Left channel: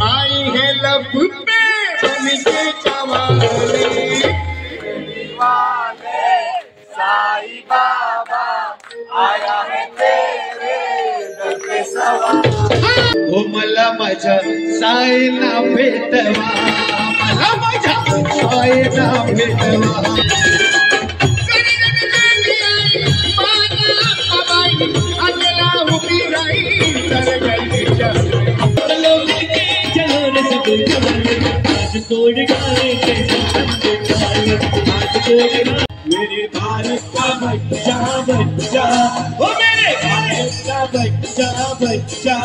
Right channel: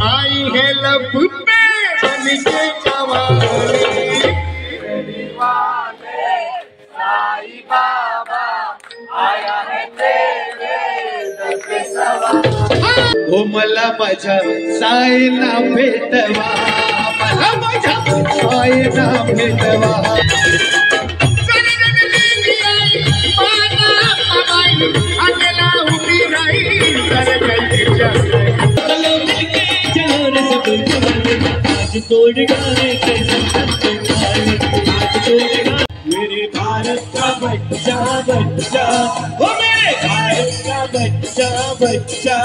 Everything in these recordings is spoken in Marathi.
आई है लब पे उनकी जवानी। दीवाने साईं बाबा आया है तेरे दर पे सवार। ओ मला माझ्या साईला भेटवा, मला माझ्या साईला भेटवा। मेरे भारत का बच्चा बच्चा, ओ मेरे भारत का बच्चा बच्चा।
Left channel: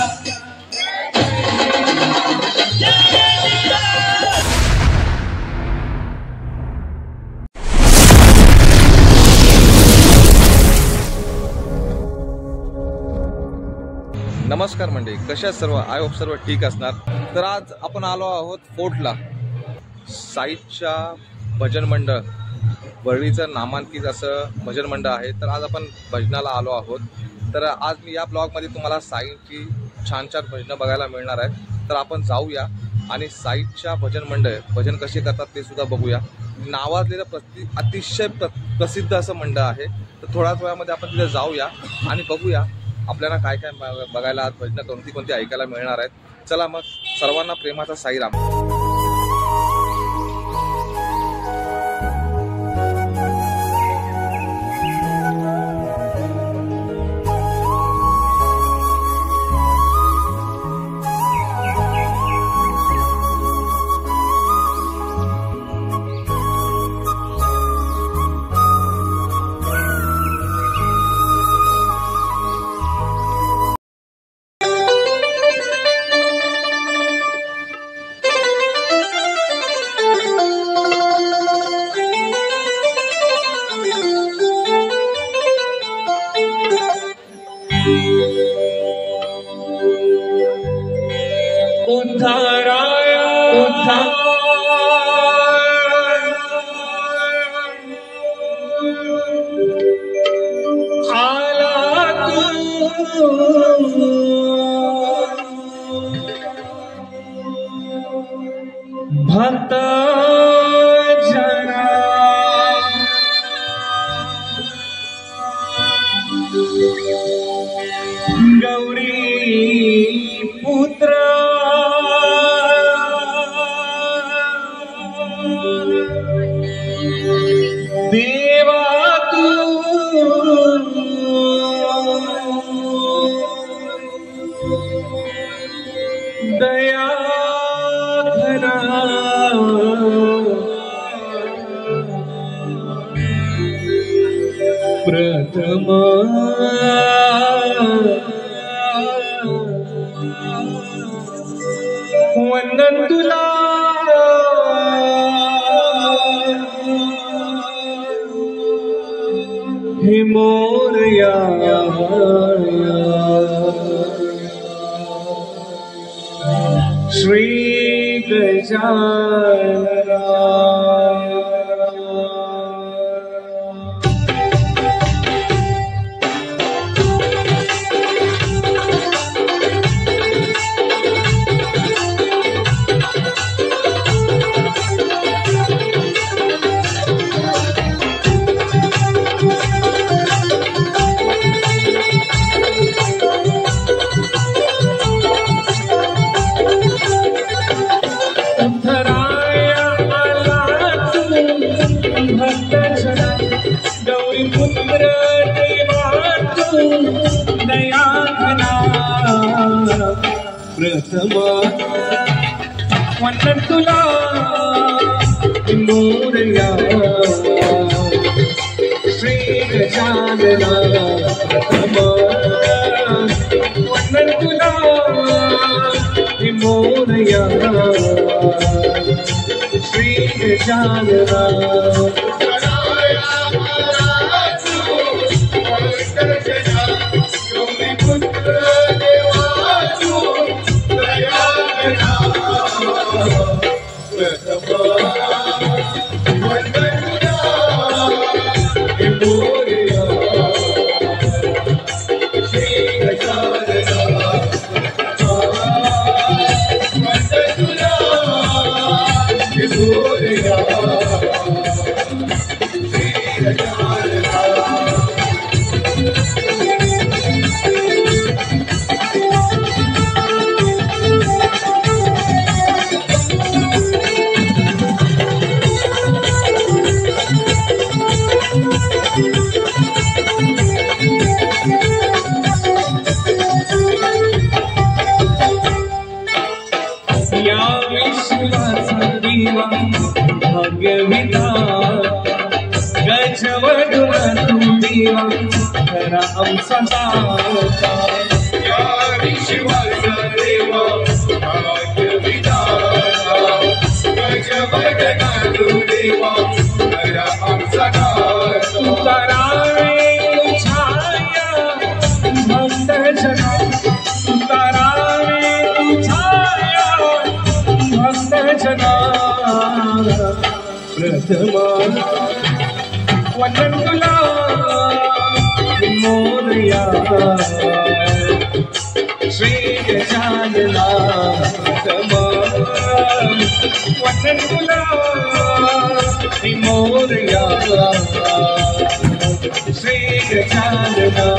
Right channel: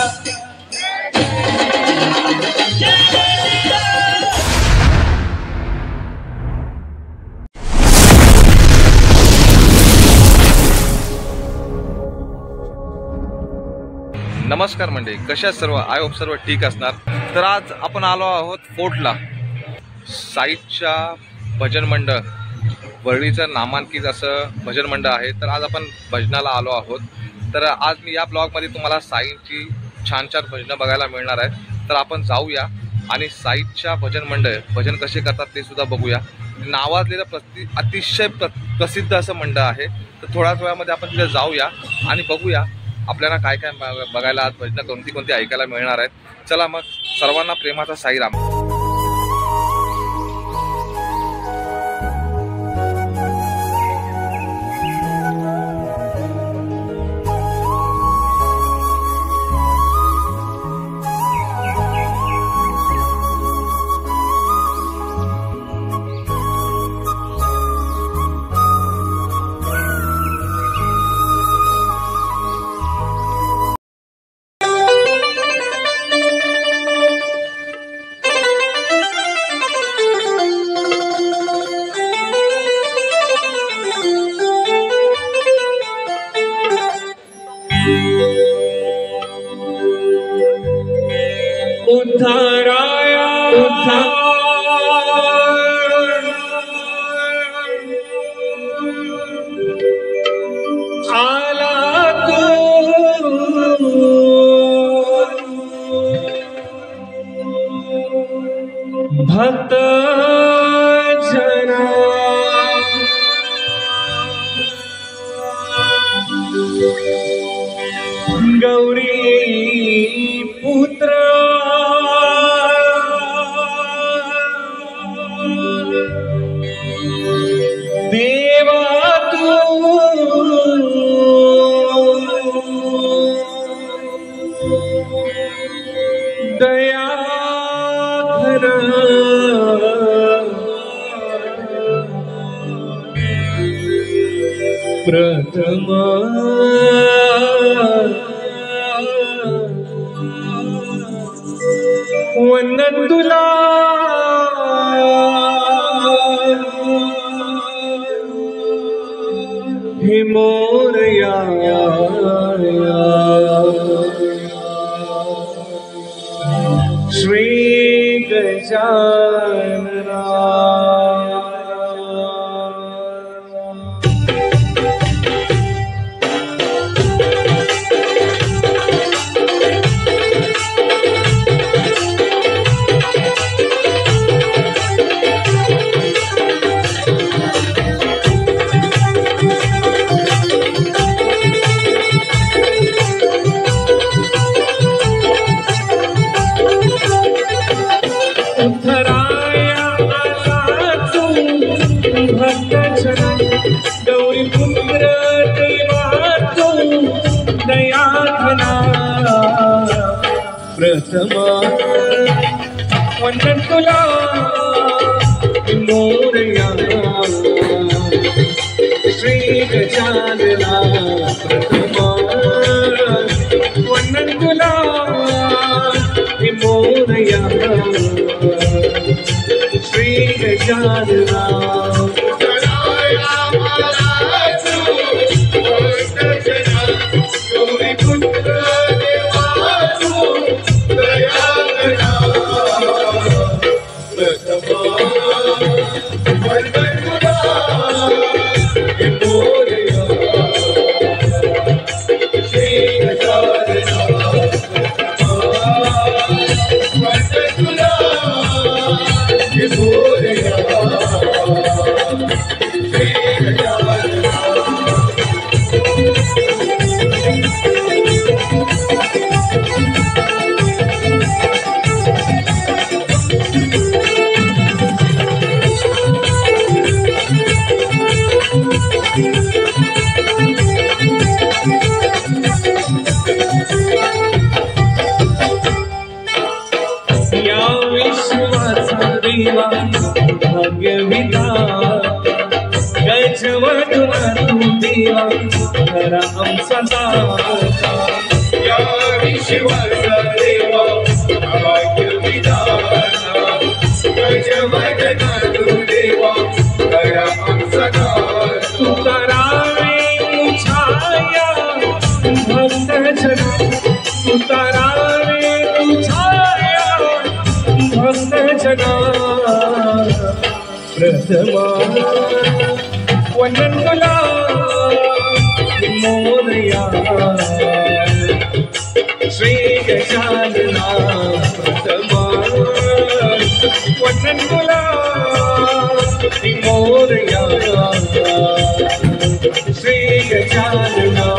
नमस्कार मंडळी, कशा सर्व? आय होप सर्व ठीक असणार। तर आज आपण आलो आहोत फोर्टला, साईच्या भजन मंडळ, वरळीचं नामांकित असं भजन मंडळ आहे। तर आज आपण भजनाला आलो आहोत। तर आज मी या ब्लॉगमध्ये तुम्हाला साईंची छान छान भजनं बघायला मिळणार आहेत। तर आपण जाऊया आणि साईच्या भजन मंडळ भजन कसे करतात ते सुद्धा बघूया। नावाजलेलं अतिशय प्रसिद्ध असं मंडळ आहे। तर थोड्याच वेळामध्ये आपण तिथे जाऊया आणि बघूया आपल्याला काय काय बघायला आज भजनं कोणती कोणती ऐकायला मिळणार आहेत। चला मग, सर्वांना प्रेमाचा साईराम। उद्धाराया आला तू भक्त जना, गौरी पुत्र देवा तू दया धरा, प्रथम वंदन तुला हे मोरया, श्री गजानना। गौरी पुत्र देवा तू दया धरा, प्रथम वंदन तुला मोरया, श्री गजानना। प्रथम वंदन तुला मोरया, श्री गजानना। Thank you. या विश्वाचा देवा भाग्यविधाता गजवदना तू देवा खरा आमचा दाता या विश्वाचा देवा भाग्यविधाता गजवदना तू देवा खरा आमचा दाता तुकारामे छाया भक्त जना तुकारामे छाया भक्त जना प्रथमा वंदन तुला मोरया श्री गजानना प्रथमा वंदन तुला मोरया श्री गजानना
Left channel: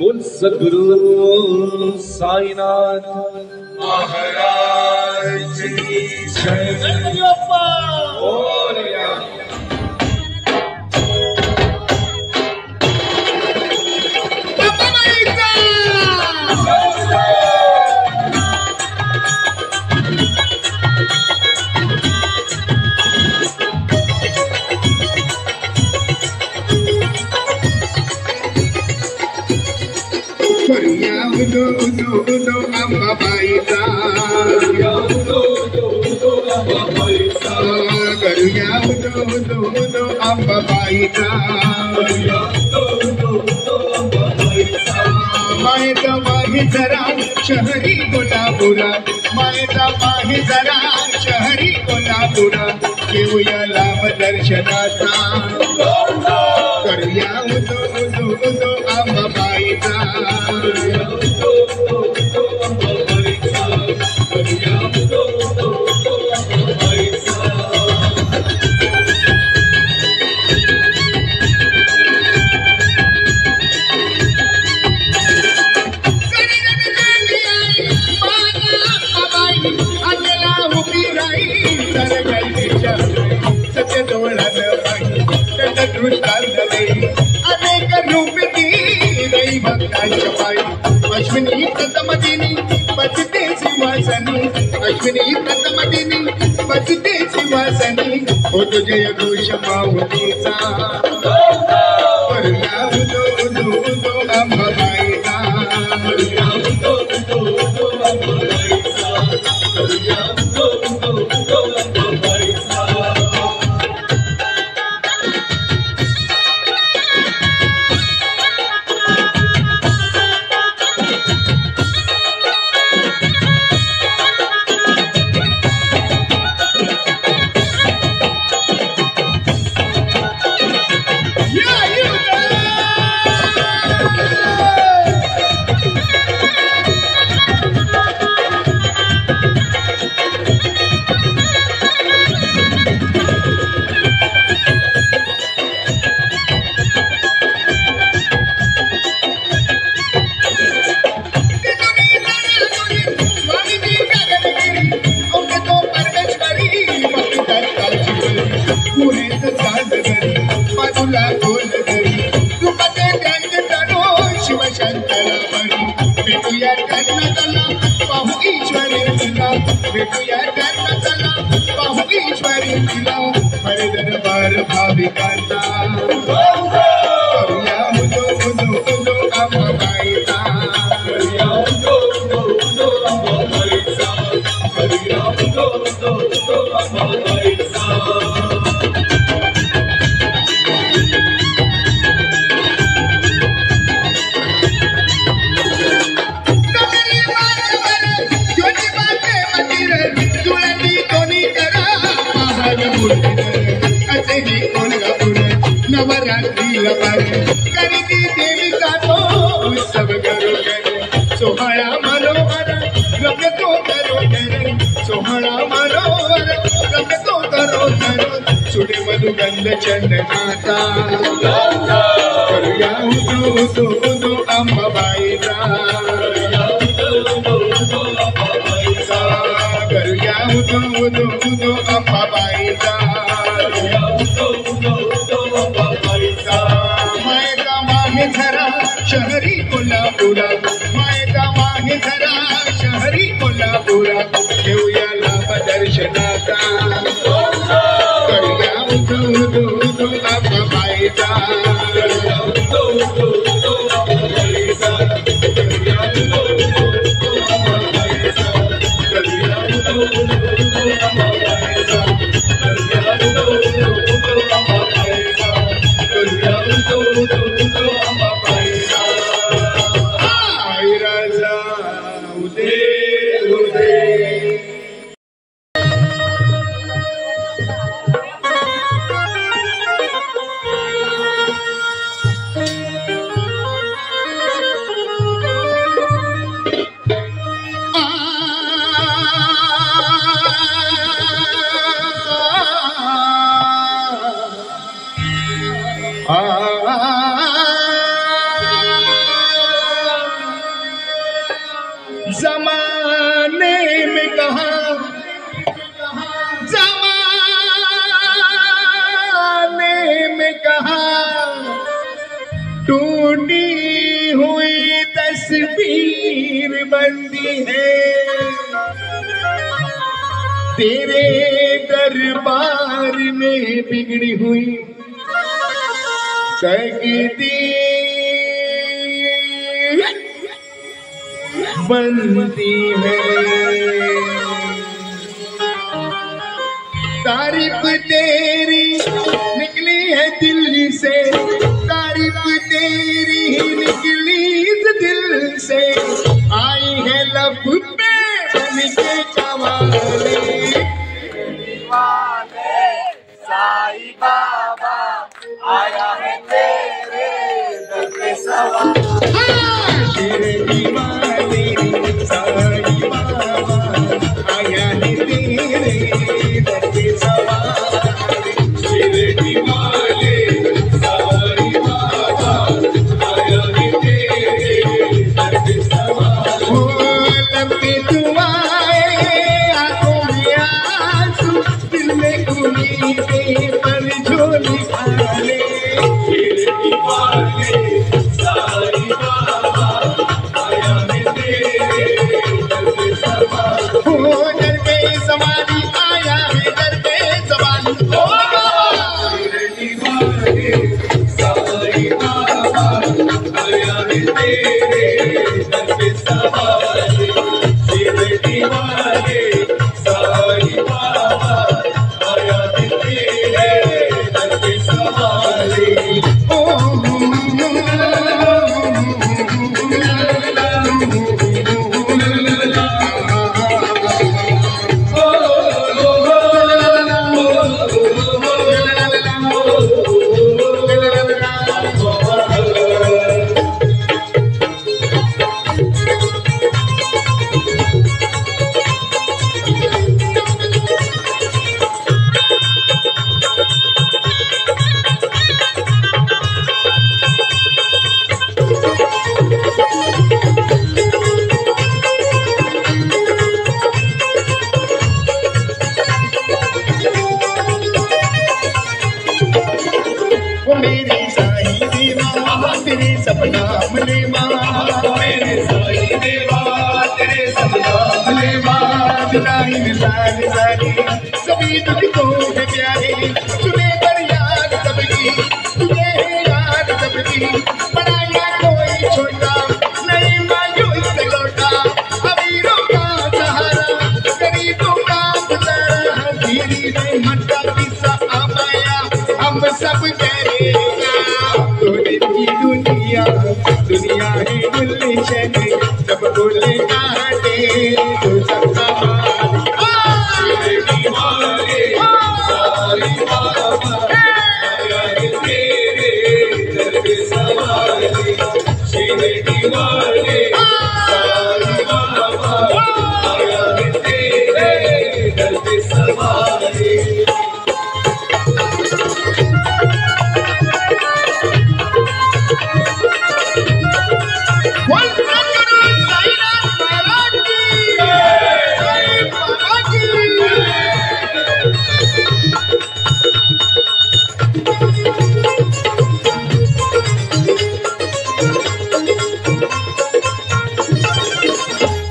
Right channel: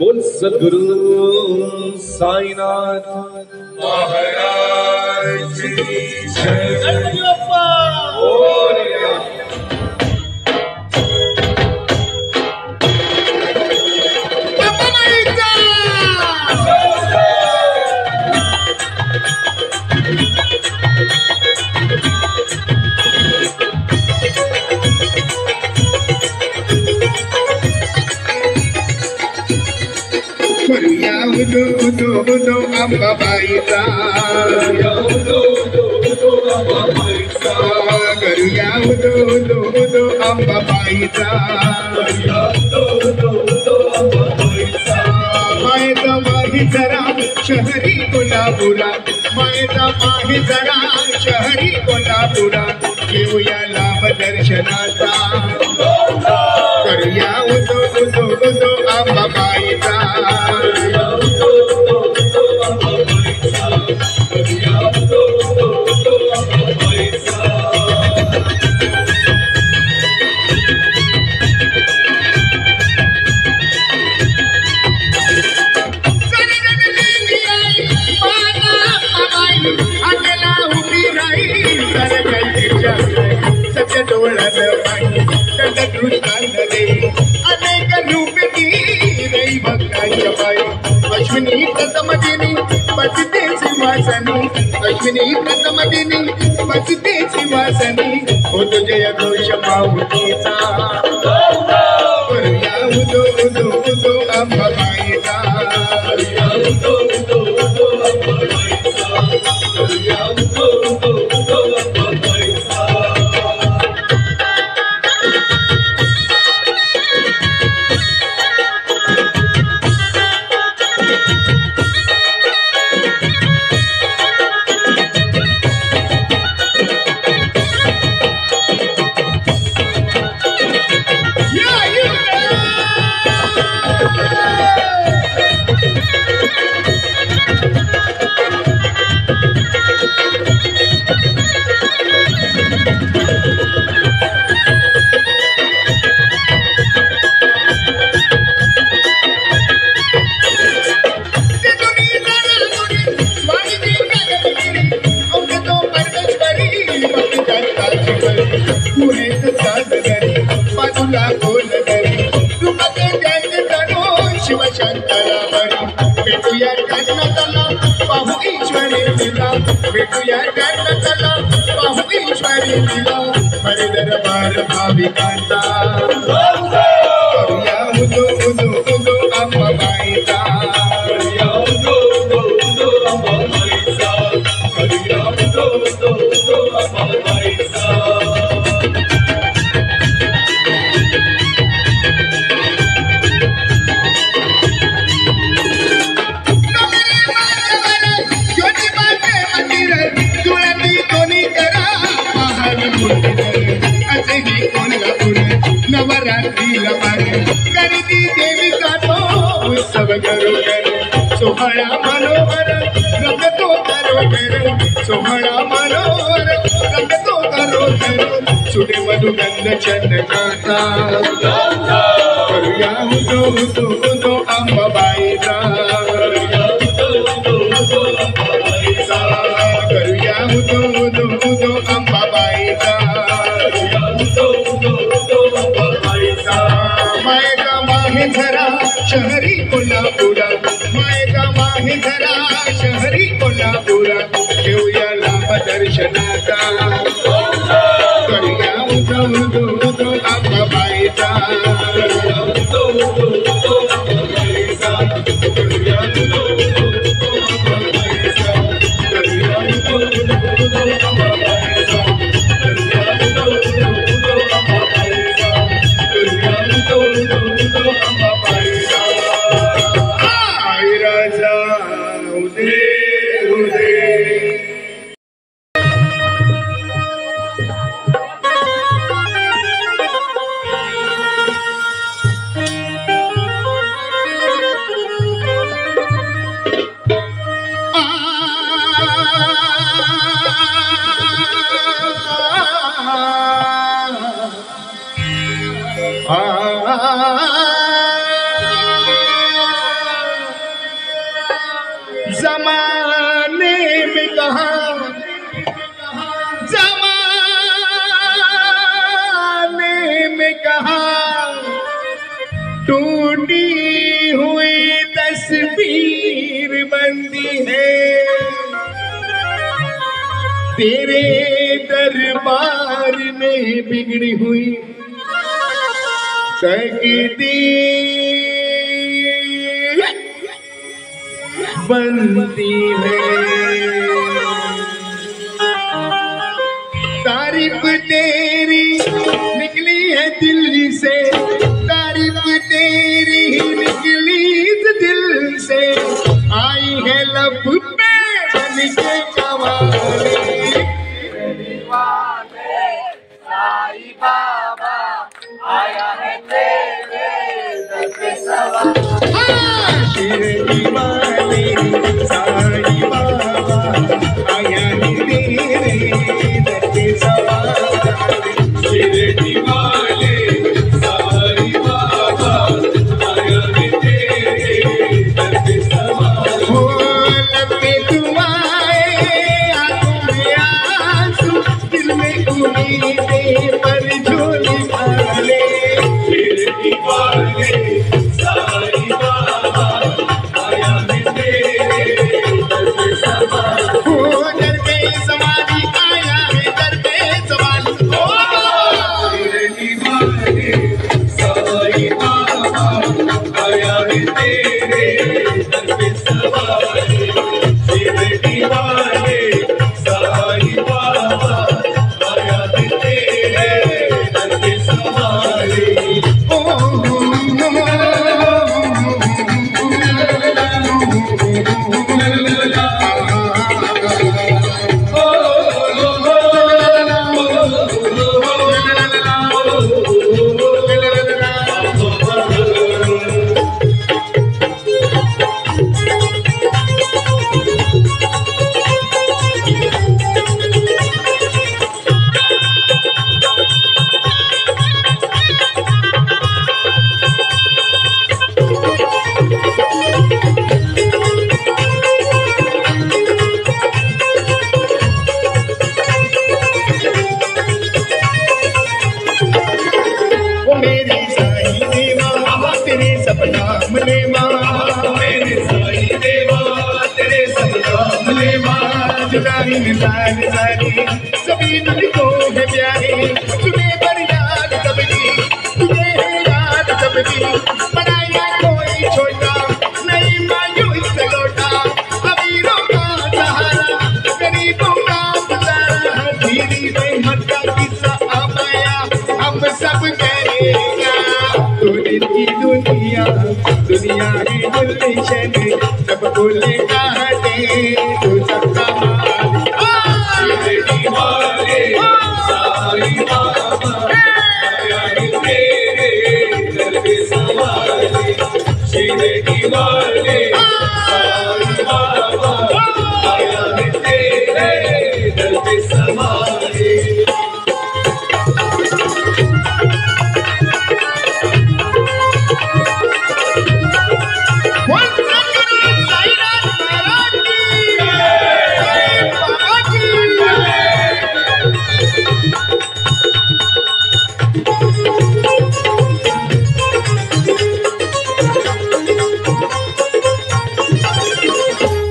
बोल सद्गुरु साईनाथ महाराज की जय। गणपती बाप्पा मोरया। करूया उदो उदो उदो अंबाबाईचा करूया उदो उदो उदो अंबाबाईचा करूया उदो उदो उदो अंबाबाईचा करूया उदो उदो उदो अंबाबाईचा मायेचा माही जरा शहरी कोल्हापुरा मायेचा माही जरा शहरी कोल्हापुरा घेऊया लाभ दर्शनाचा करूया उदो उदो उदो अंबाबाईचा करूया उदो उदो उदो अंबाबाईचा करूया उदो उदो उदो अंबाबाईचा अनेक रूपी रई भक्ताच्या पायी अश्विनी प्रथम दिनी बसते शिवासनी अश्विनी प्रथम दिनी बसते शिवासनी होतो जय घोष माऊलीचा करूया उदो उदो उदो अंबाबाईचा करूया उदो उदो उदो अंबाबाईचा करूया उदो उदो उदो अंबाबाईचा भेटूया कर्णतला पाहू ईश्वरी तिला हरी दरबार भाविकांचा करूया उदो उदो उदो अंबाबाईचा करूया उदो उदो उदो अंबाबाईचा करूया उदो उदो उदो अंबाबाईचा नवरात्रीला करती देविका तो उत्सव घरोघर सोहळा मनोहर रंगतो घरोघर सोहळा मनोहर रंगतो घरोघर सुरे मधुगंध चंद्रकांता करूया उदो उदो उदो अंबाबाईचा करूया उदो उदो उदो अंबाबाईचा मायका माहे धरा शहरी कोल्हापुरा मायका माहे धरा शहरी कोल्हापुरा घेऊया लाभ दर्शनाचा करूया उदो उदो उदो अंबाबाईचा करूया उदो उदो उदो अंबाबाईचा करूया उदो उदो उदो अंबाबाईचा करूया उदो उदो उदो अंबाबाईचा करूया उदो उदो उदो अंबाबाईचा करूया उदो उदो उदो अंबाबाईचा आई राजा उदे उदे जमाने में कहा जमाने में कहा टूटी हुई तस्वीर बनती है तेरे दरबार में बिगड़ी हुई तकदीर बनती है तारीफ तेरी निकली है दिल से तारीफ तेरी निकली दिल से आई है लब पे बन के कवाली दीवाने साईं बाबा आया है तेरे दर पे सवार तेरे दीवाने साईं बाबा आया है तेरे दर पे सवार तेरे दीवाने साईं बाबा आया है तेरे दर पे सवार हो लब पे तू आए आंखों में आंसू दिल में उम्मीदे पर झोली डाले तेरे दीवाने साईं बाबा आया है तेरे दर पे सवार हो दर पे सवारी आया है दर पे सवारी हो तेरे दीवाने साईं बाबा आया है तेरे दर पे सवार तेरे दीवाने साईं बाबा आया है तेरे दर पे सवार ओ मेरी साईं देवा तेरे सपना मिले माँ मेरे साईं देवा तेरे सपना मिले माँ जुदाई मिसाल सारी सभी तुझको है प्यारे तुम्हें पर याद सबकी तुझे है याद सबकी बनाया कोई छोटा नहीं मायूस लौटा अभी रोका सब करेगा। तो इनकी दुनिया दुनिया ही गुलशन, जब बोले काटे तो सबका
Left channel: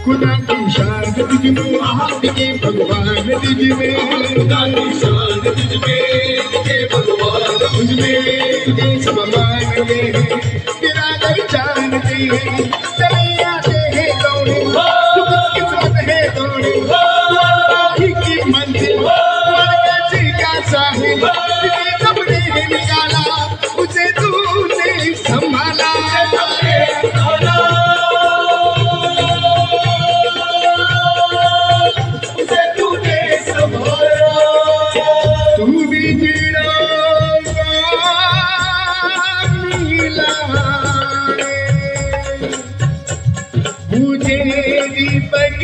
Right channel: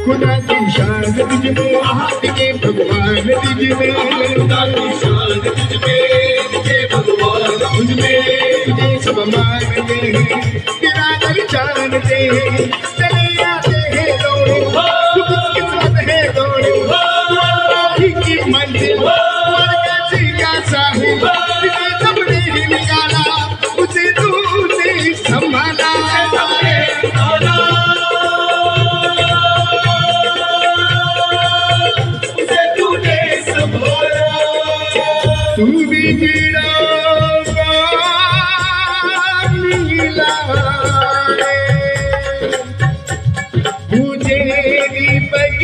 खुदा की शान तुझ में, हाथ के भगवान तुझ में, खुदा की शान तुझ में, के भगवान तुझ में, तुझे सब मानते हैं, तेरा दर जानते हैं, चले आते हैं दौड़े, तू कुछ किस्मत है दौड़े, ही की मंजिल, कैसे का साहिब, तुझे सबने निकाला, उसे तूने संभाला। तू भी गिरोगा नीला मुझे दीपक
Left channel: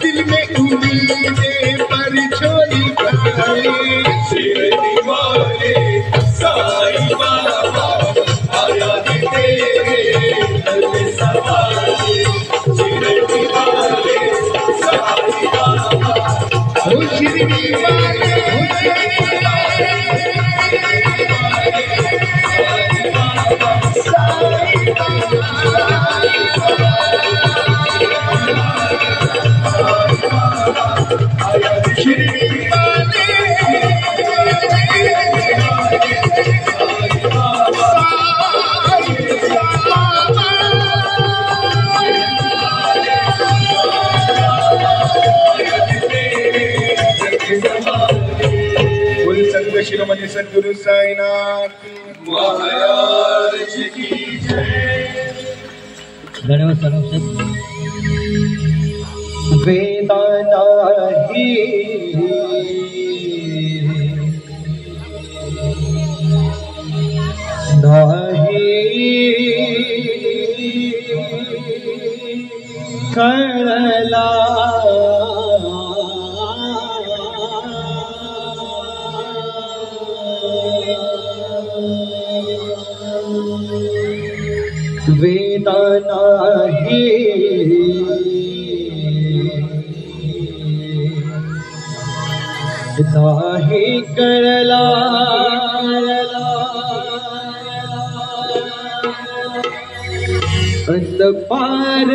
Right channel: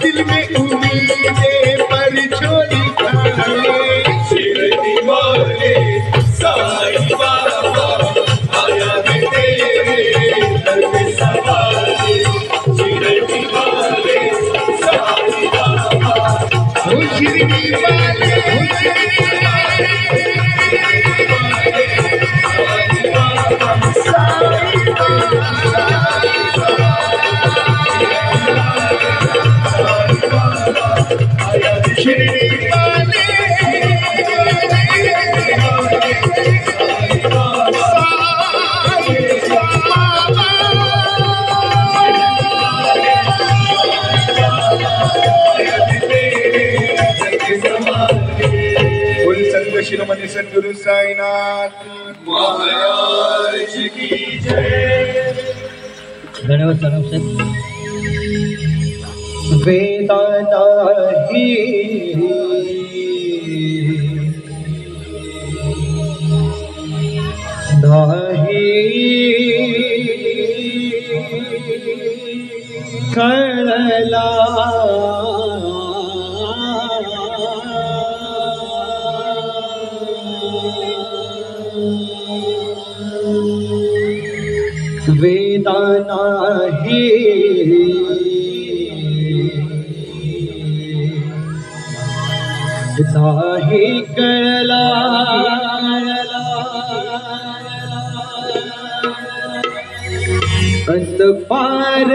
दिल में उम्मीदें पर छोड़ी साई बाबा आया तेरे दर में सवारे, शिरडी वाले साई बाबा, ओ शिरडी वाले, श्रीमती सद्गुरु साईनाथ महाराज की जय। वेदांता ही कळला वेदाना ही काही कळला अंधपारयाचा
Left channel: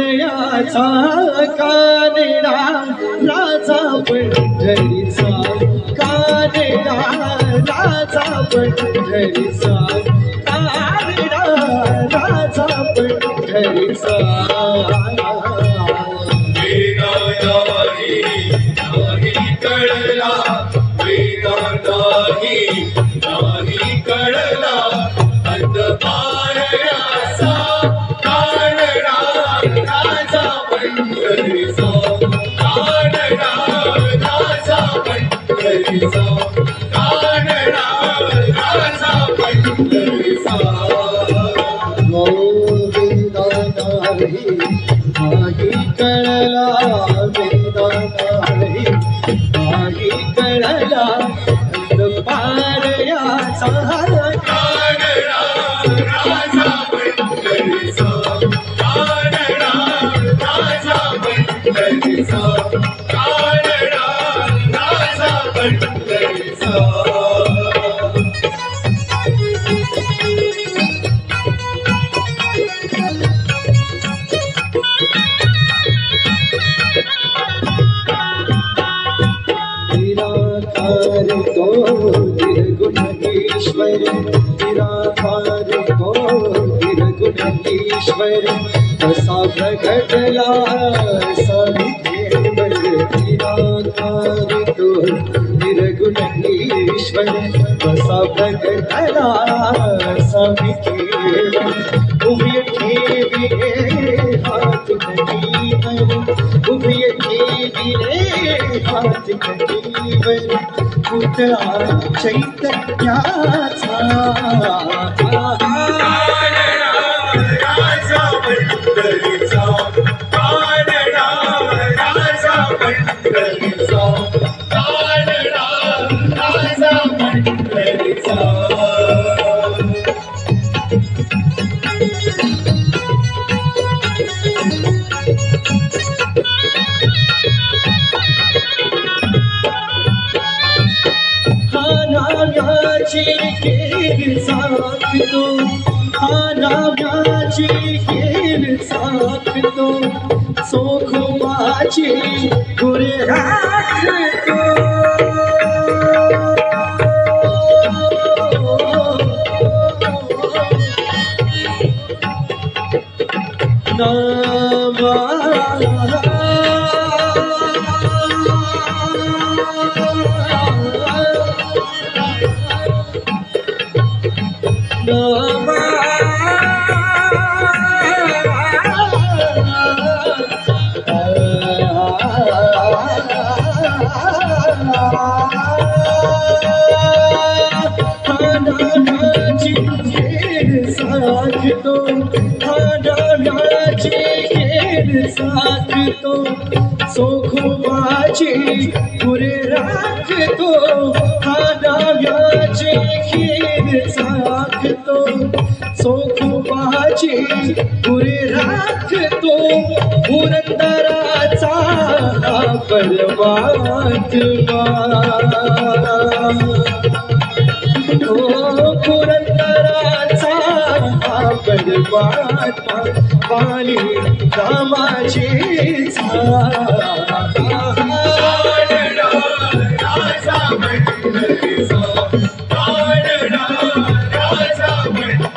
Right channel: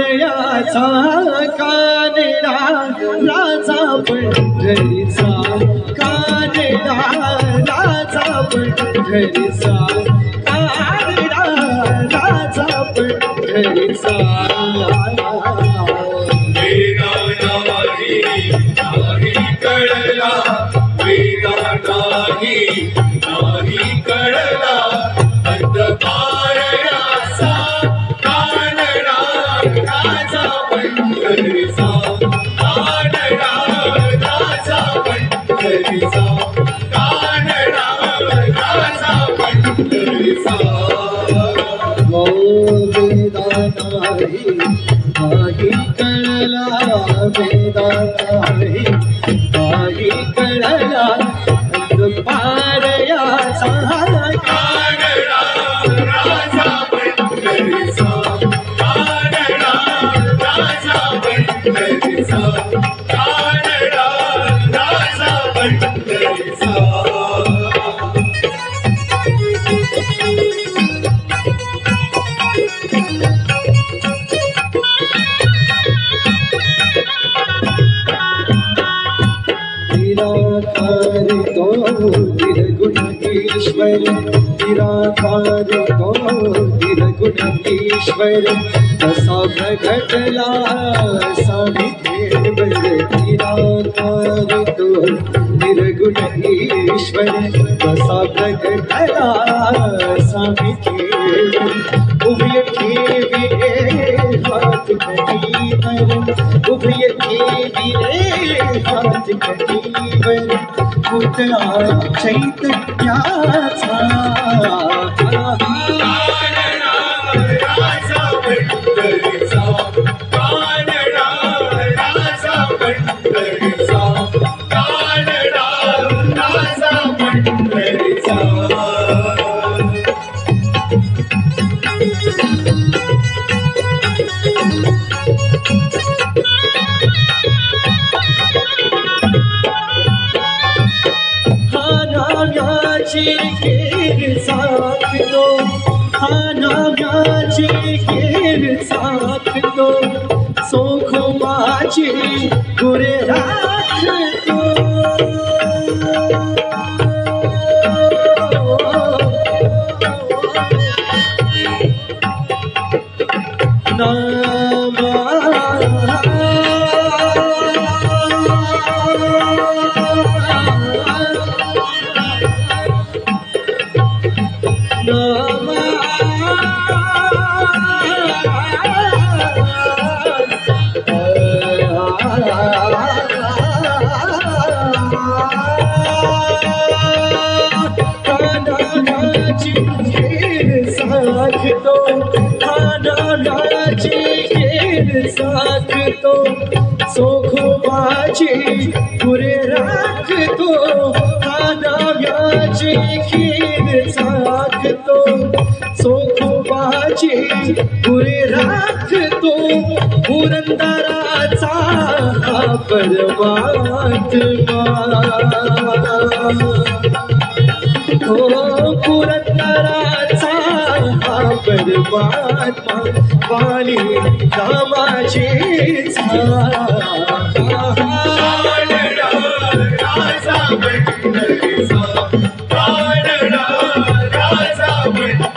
कानिडा राजा पंढरीचा कानिडा राजा पंढरीचा कानिडा राजा पंढरीचा Thank you. निराधार तो निर्गुणेश्वर कसा प्रगटला स्वामी केवल निराधार तो निर्गुणेश्वर कसा प्रगटला स्वामी केवल उभय ठेविले हात कटीवर उभय ठेविले हात कटीवर पुतळा चैतन्याचा राजा पंढरीचा कानडा राजा पंढरीचा कानडा राजा पंढरीचा सोखोबाची गुरे राखतो सोखोबाची गुरे राखतो दाव्याची खीर साखतो सोखोबाची गुरे राखतो पुरंदराचा परमात्मा हो पुरंदराचा परमात्मा वाली रामाची राजा पंढरीचा कानडा राजा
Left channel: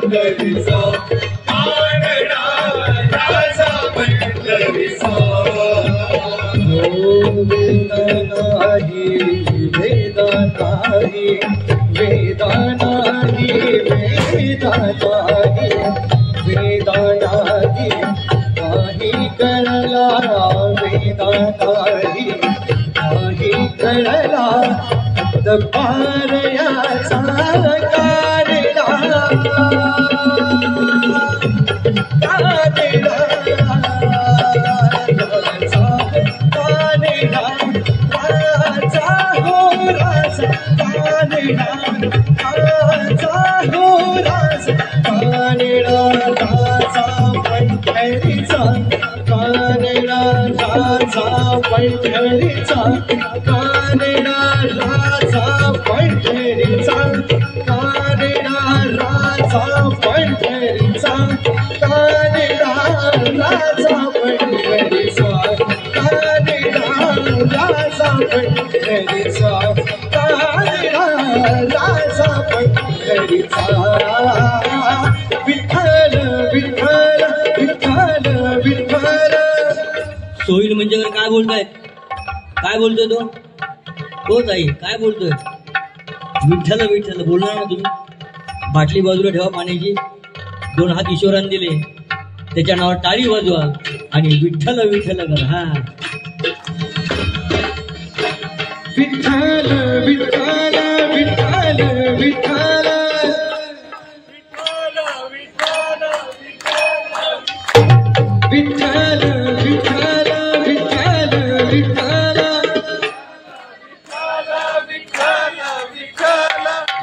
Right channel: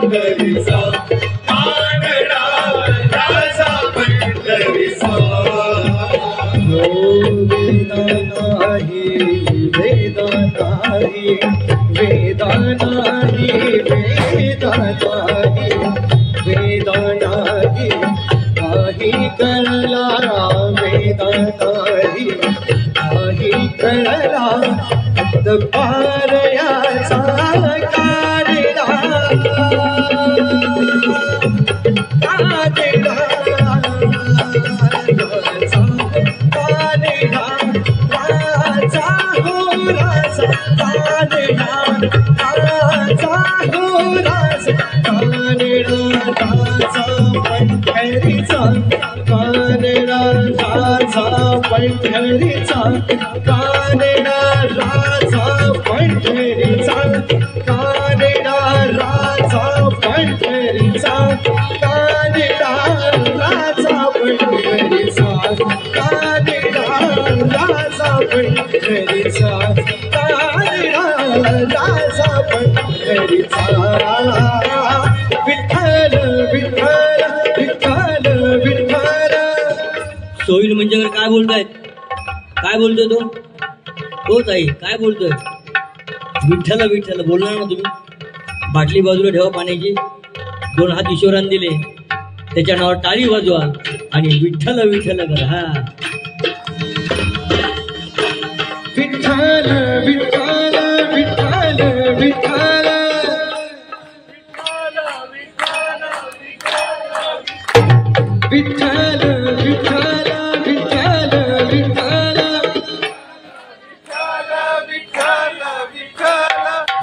पंढरीचा कानडा राजा पंढरीचा वेदानाही वेदानाही वेदानाही वेदानाही काही कळला वेदानाही काही कळला पारयाचा कारेला कारेला पंढरीचा कानडा राजा पंढरीचा कानडा राजा पंढरीचा कानडा राजा पंढरीचा कानडा राजा पंढरीचा कानडा राजा पंढरीचा विठ्ठल विठ्ठल विठ्ठल विठ्ठल सोईल म्हणजे काय बोलतायत काय बोलतोय तो हो ताई काय बोलतोय विठ्ठल विठ्ठल बोलणार ना तुम्ही बाटली बाजूला ठेवा पाण्याची 2 हात ईश्वराने दिले त्याच्या नावावर टाळी वाजवा आणि विठ्ठल विठ्ठल करा हा विठ्ठल विठ्ठल विठ्ठल विठ्ठल विठ्ठल विठ्ठल विठ्ठल विठ्ठल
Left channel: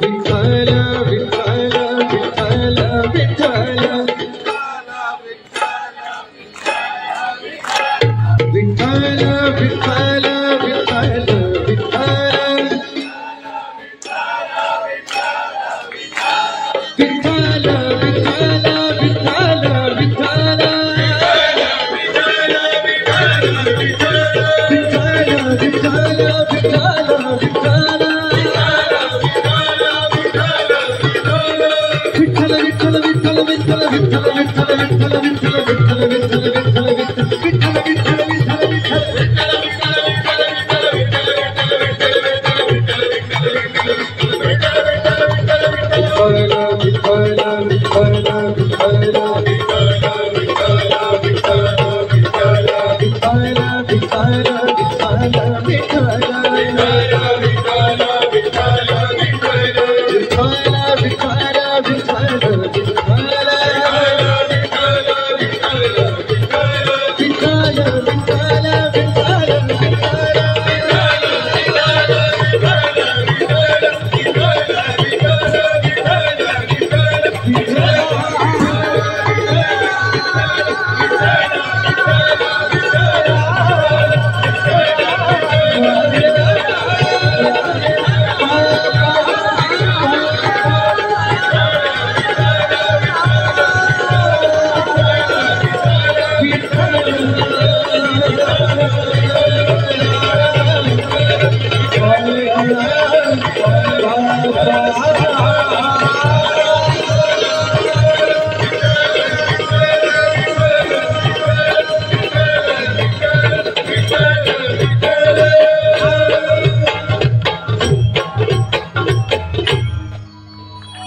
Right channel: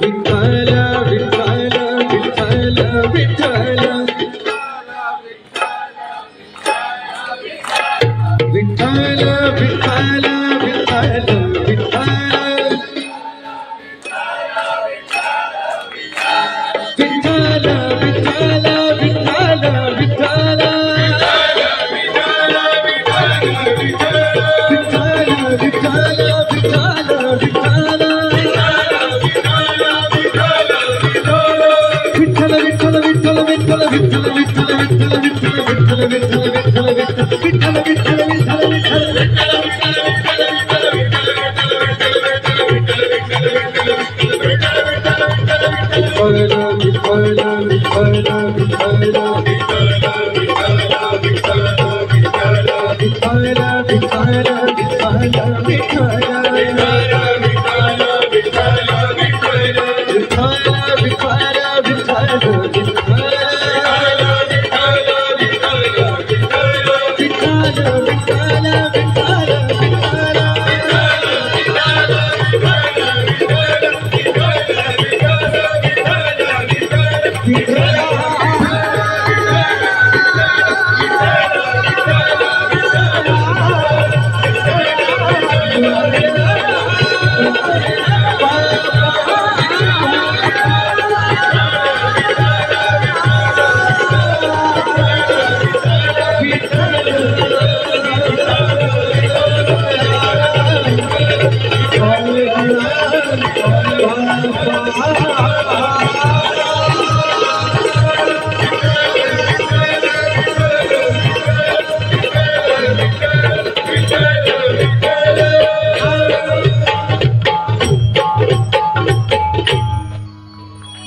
विठ्ठल विठ्ठल विठ्ठल विठ्ठल विठ्ठल विठ्ठल विठ्ठल विठ्ठल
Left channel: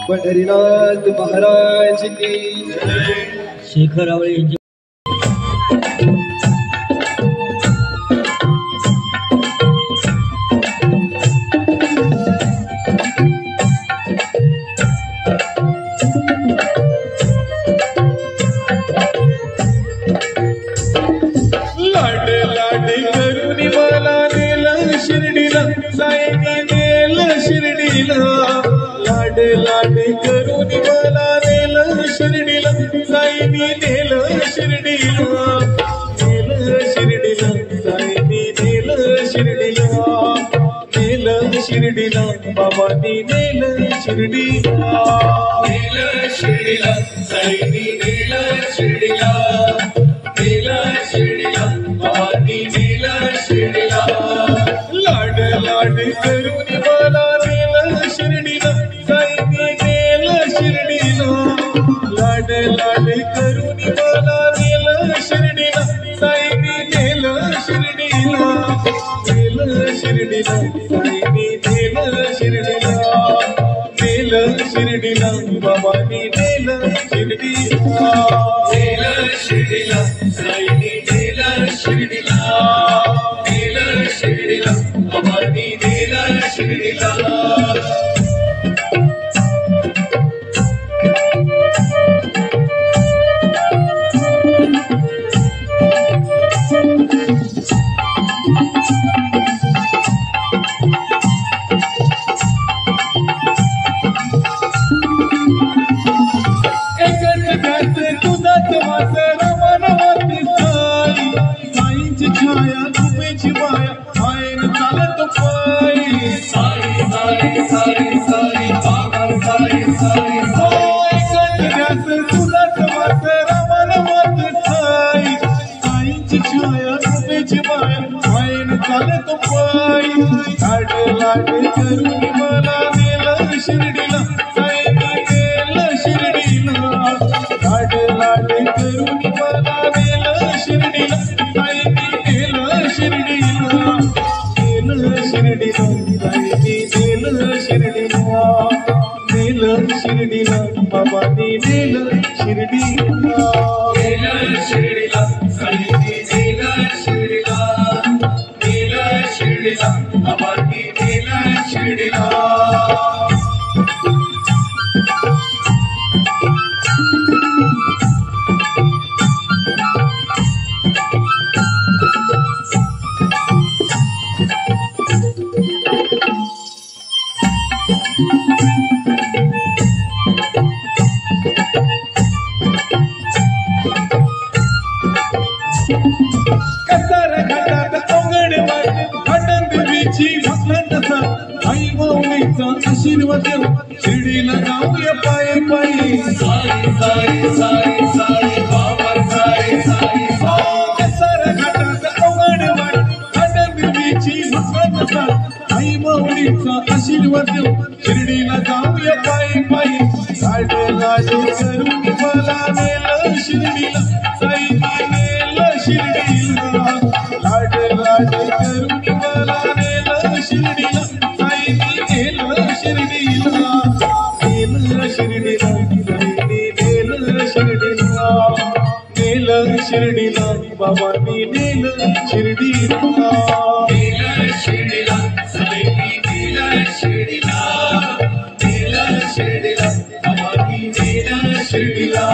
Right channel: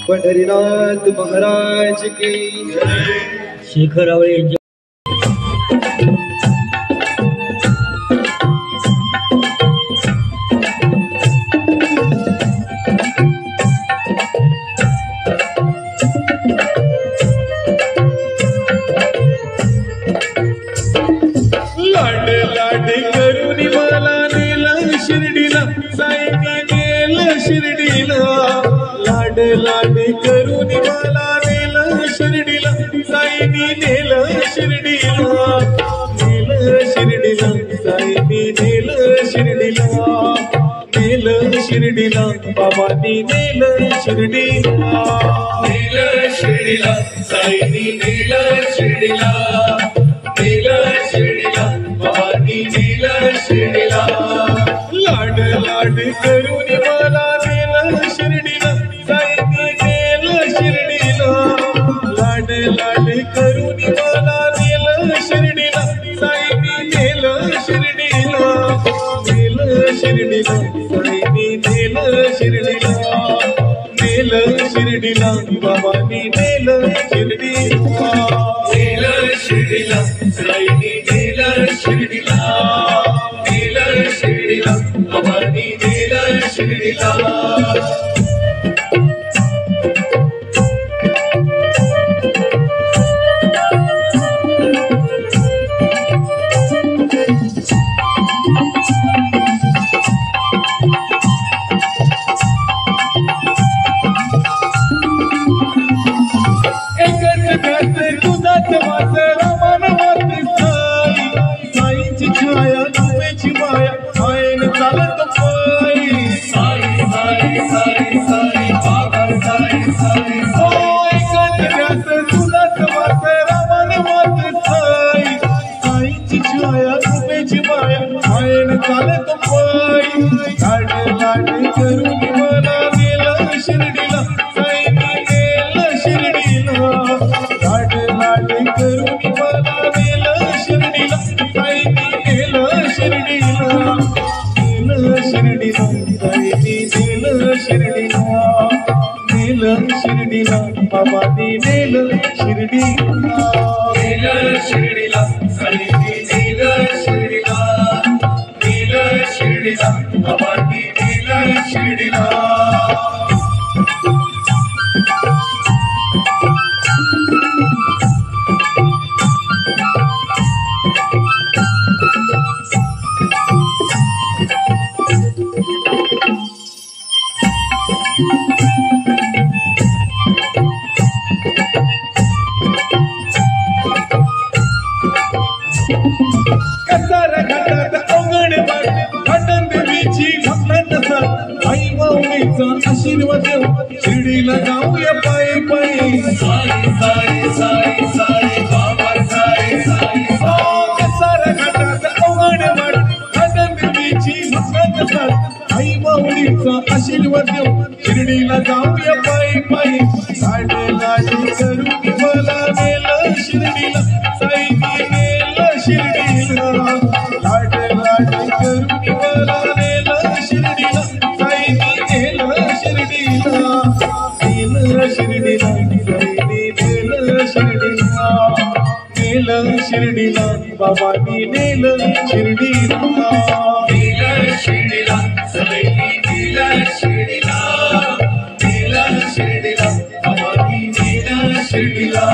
पंढरीनाथ महाराज की शेखर आवळे लाड लाड करून मला नेलं शिर्डीला साईने नेलं शिर्डीला लाड लाड करून मला नेलं शिर्डीला साईने नेलं शिर्डीला नेलं शिर्डीला साईने नेलं शिर्डीला नेलं शिर्डीला बाबांनी नेलं शिर्डीला नेलं शिर्डीला साईने नेलं शिर्डीला नेलं शिर्डीला बाबांनी नेलं शिर्डीला लाड लाड करून मला नेलं शिर्डीला साईने नेलं शिर्डीला लाड लाड करून मला नेलं शिर्डीला साईने नेलं शिर्डीला नेलं शिर्डीला साईने नेलं शिर्डीला नेलं शिर्डीला बाबांनी नेलं शिर्डीला नेलं शिर्डीला साईने नेलं शिर्डीला नेलं शिर्डीला बाबांनी नेलं शिर्डीला तुझाच वास रमान वाट साई साईंची छाया तुझ्याची माया आयन चालत पायी साई साई साई साई बाबा साई साई साई तुझाच वास रमान वाट साई साईंची छाया तुझ्याची माया आयन चालत पायी लाड लाड करून मला नेलं शिर्डीला साईने नेलं शिर्डीला लाड लाड करून मला नेलं शिर्डीला साईने नेलं शिर्डीला नेलं शिर्डीला साईने नेलं शिर्डीला नेलं शिर्डीला बाबांनी नेलं शिर्डीला नेलं शिर्डीला साईने नेलं शिर्डीला नेलं शिर्डीला बाबांनी नेलं शिर्डीला कसारा घाटात अवघड वाट देवीची घातला तसा आई माऊलीचा आशीर्वाद देव बाबांनी नेलं शिर्डीला, नेलं शिर्डीला, सगळी नेलं शिर्डीला, नेलं शिर्डीला, बाबांनी नेलं शिर्डीला.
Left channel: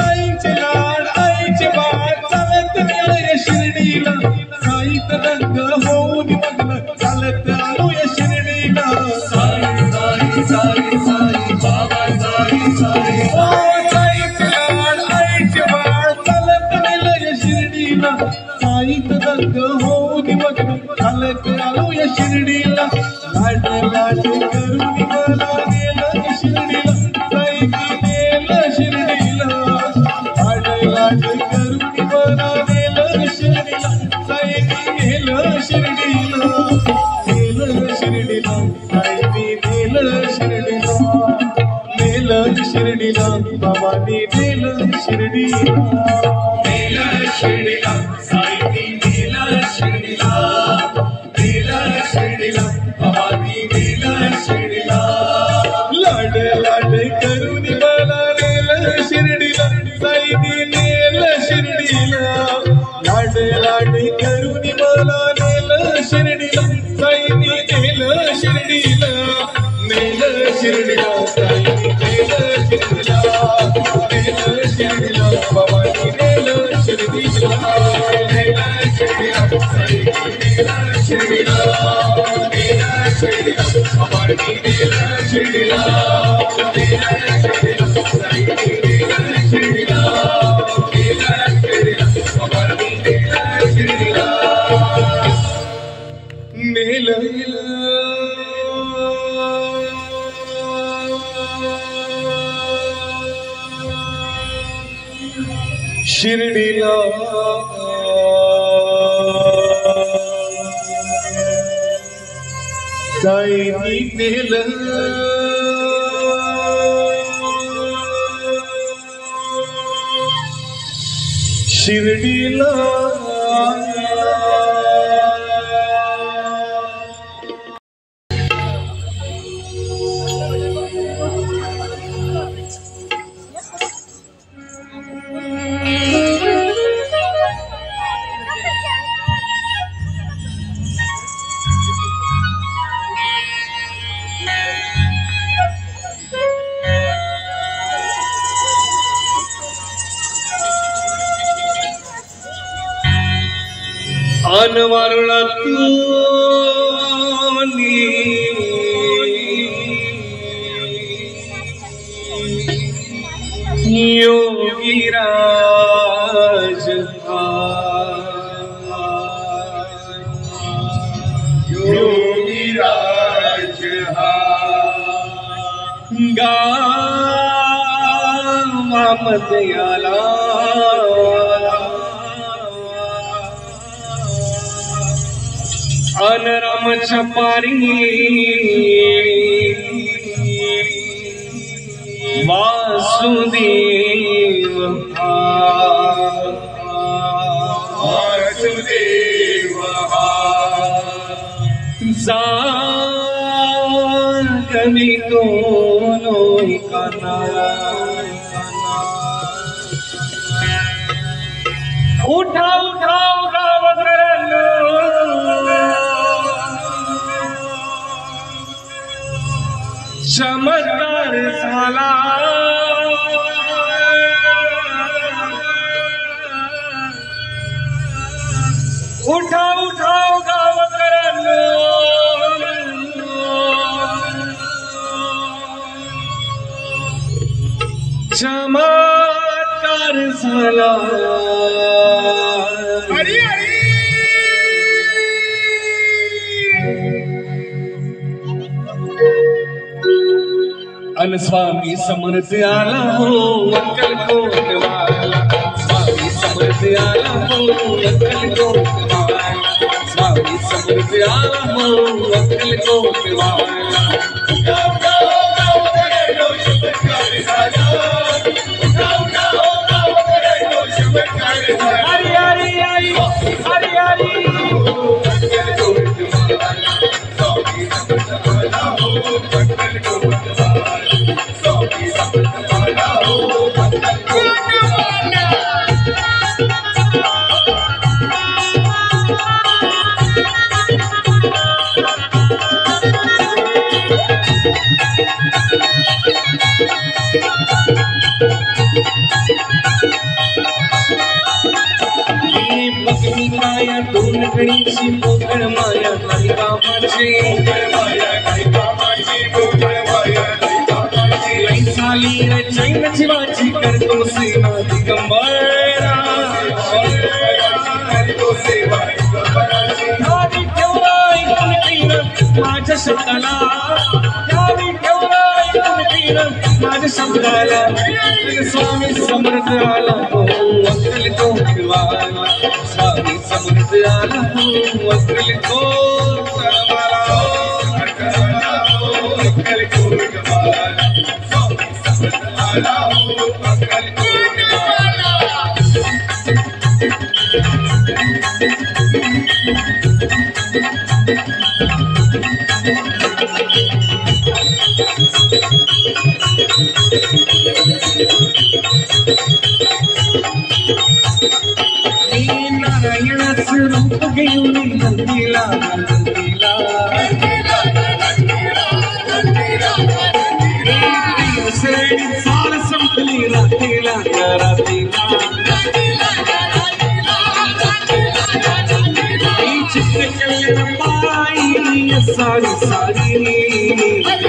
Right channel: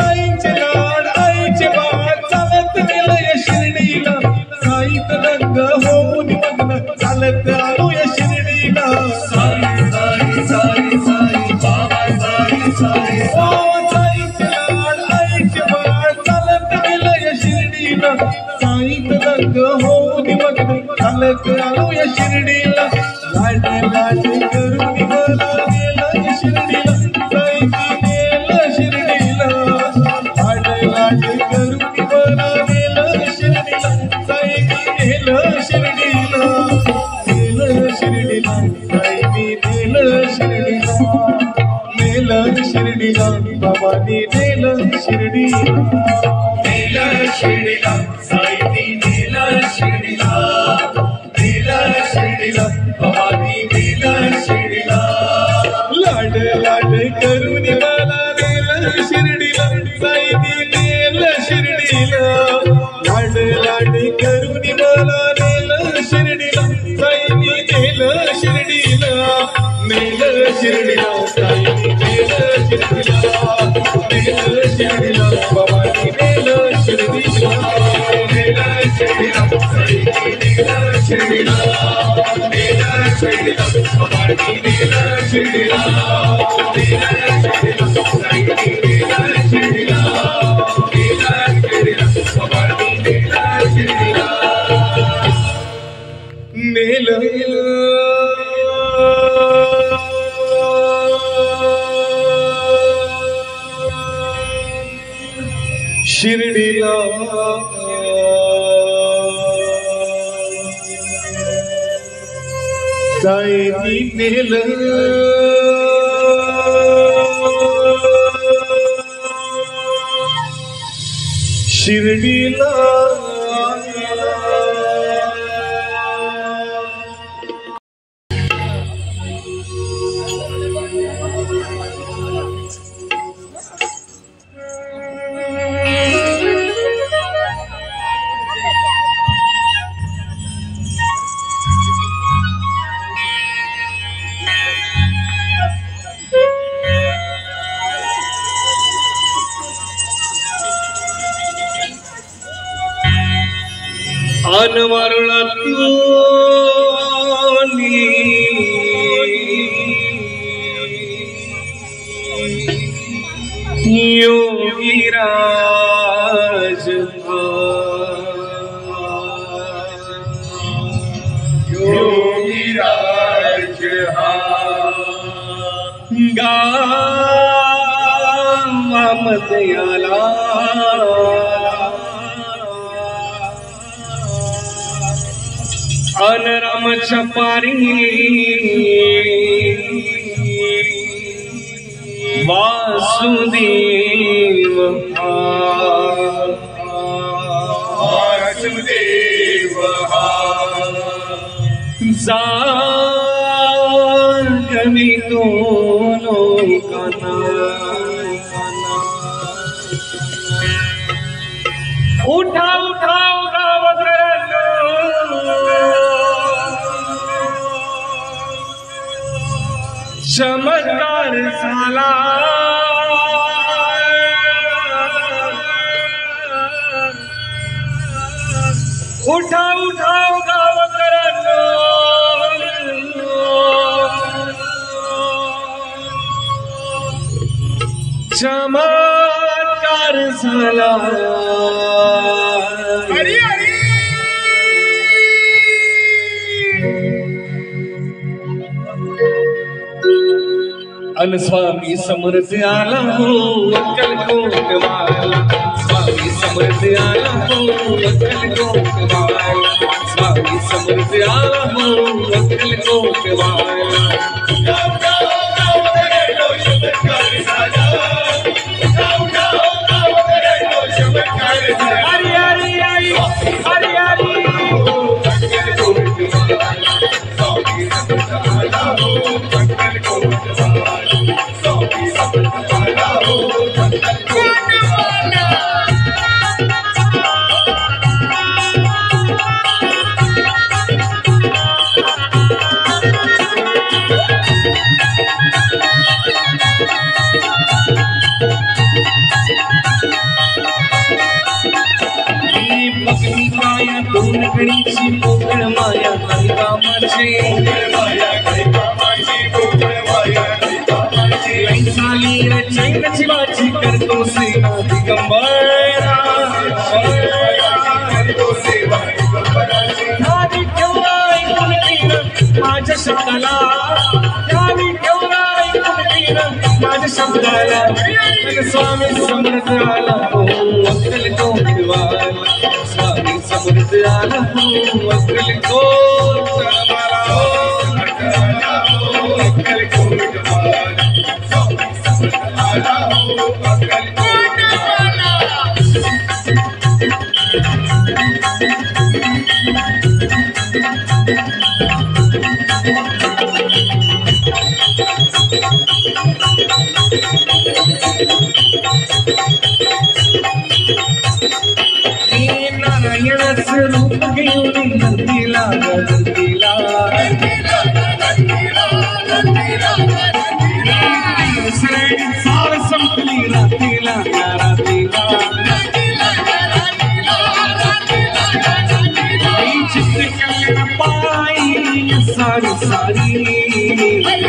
आईचे लाड आईचे बाळ चालत गेलं शिर्डीला, साईत रंग होऊन मग्न चालत आलो या शिर्डीला. साई साई साई साई बाबा साई साई. ओ साईचे लाड आईचे बाळ चालत गेलं या शिर्डीला, साईत रंग होऊन मग्न चालत आलो या शिर्डीला. लाड लाड करून मला गेलं शिर्डीला, साईने नेलं शिर्डीला. लाड लाड करून मला नेलं शिर्डीला, साईने नेलं शिर्डीला. नेलं शिर्डीला, साईने नेलं शिर्डीला. नेलं शिर्डीला, बाबांनी नेलं शिर्डीला. नेलं शिर्डीला, साईंनी नेलं शिर्डीला, नेलं शिर्डीला, बाबांनी नेलं शिर्डीला. लाड लाड करून मला नेलं शिर्डीला, साईने नेलं शिर्डीला. लाड लाड करून मला नेलं शिर्डीला, साईने नेलं शिर्डीला. नेलं शिर्डीला, साईने नेलं शिर्डीला. नेलं शिर्डीला, बाबांनी नेलं शिर्डीला. नेलं शिर्डीला, साईंनी नेलं शिर्डीला, नेलं शिर्डीला, बाबांनी नेलं शिर्डीला, नेलं शिर्डीला, साईंनी नेलं शिर्डीला, नेलं शिर्डीला, बाबांनी नेलं शिर्डीला. शिर्डीला साईंनी नेलं शिर्डीला. अनवरला योगीराज योगीराज गावामध्ये आला अनरामच्या पारी वासुदेव वासुदेव जान कमी तो लोकांना उठा उठा गावकऱ्यांनो चमत्कार झाला उठा उठा गावकऱ्यांनो चमत्कार झाला अन स्वामी समर्थ आला हो अक्कलकोट वाला स्वामी समर्थ आला हो अक्कलकोट वाला स्वामी समर्थ आला हो अक्कलकोट वाला कामाची चाली चेन शिवाची करतो सेवा दिगंबरा आधी केवढा माझ्या शब्दाला माझ्या शब्दाला स्वामी समर्थ आला हो अक्कल कोटवाला स्वामी समर्थ आला हो अक्कल कोटवाला अक्कल कोटवाला स्वामी समर्थ आला हो अक्कल कोटवाला नारायणाचं रूप घेऊन नंदीला सार संपली रात्रीला पायी सारी सारी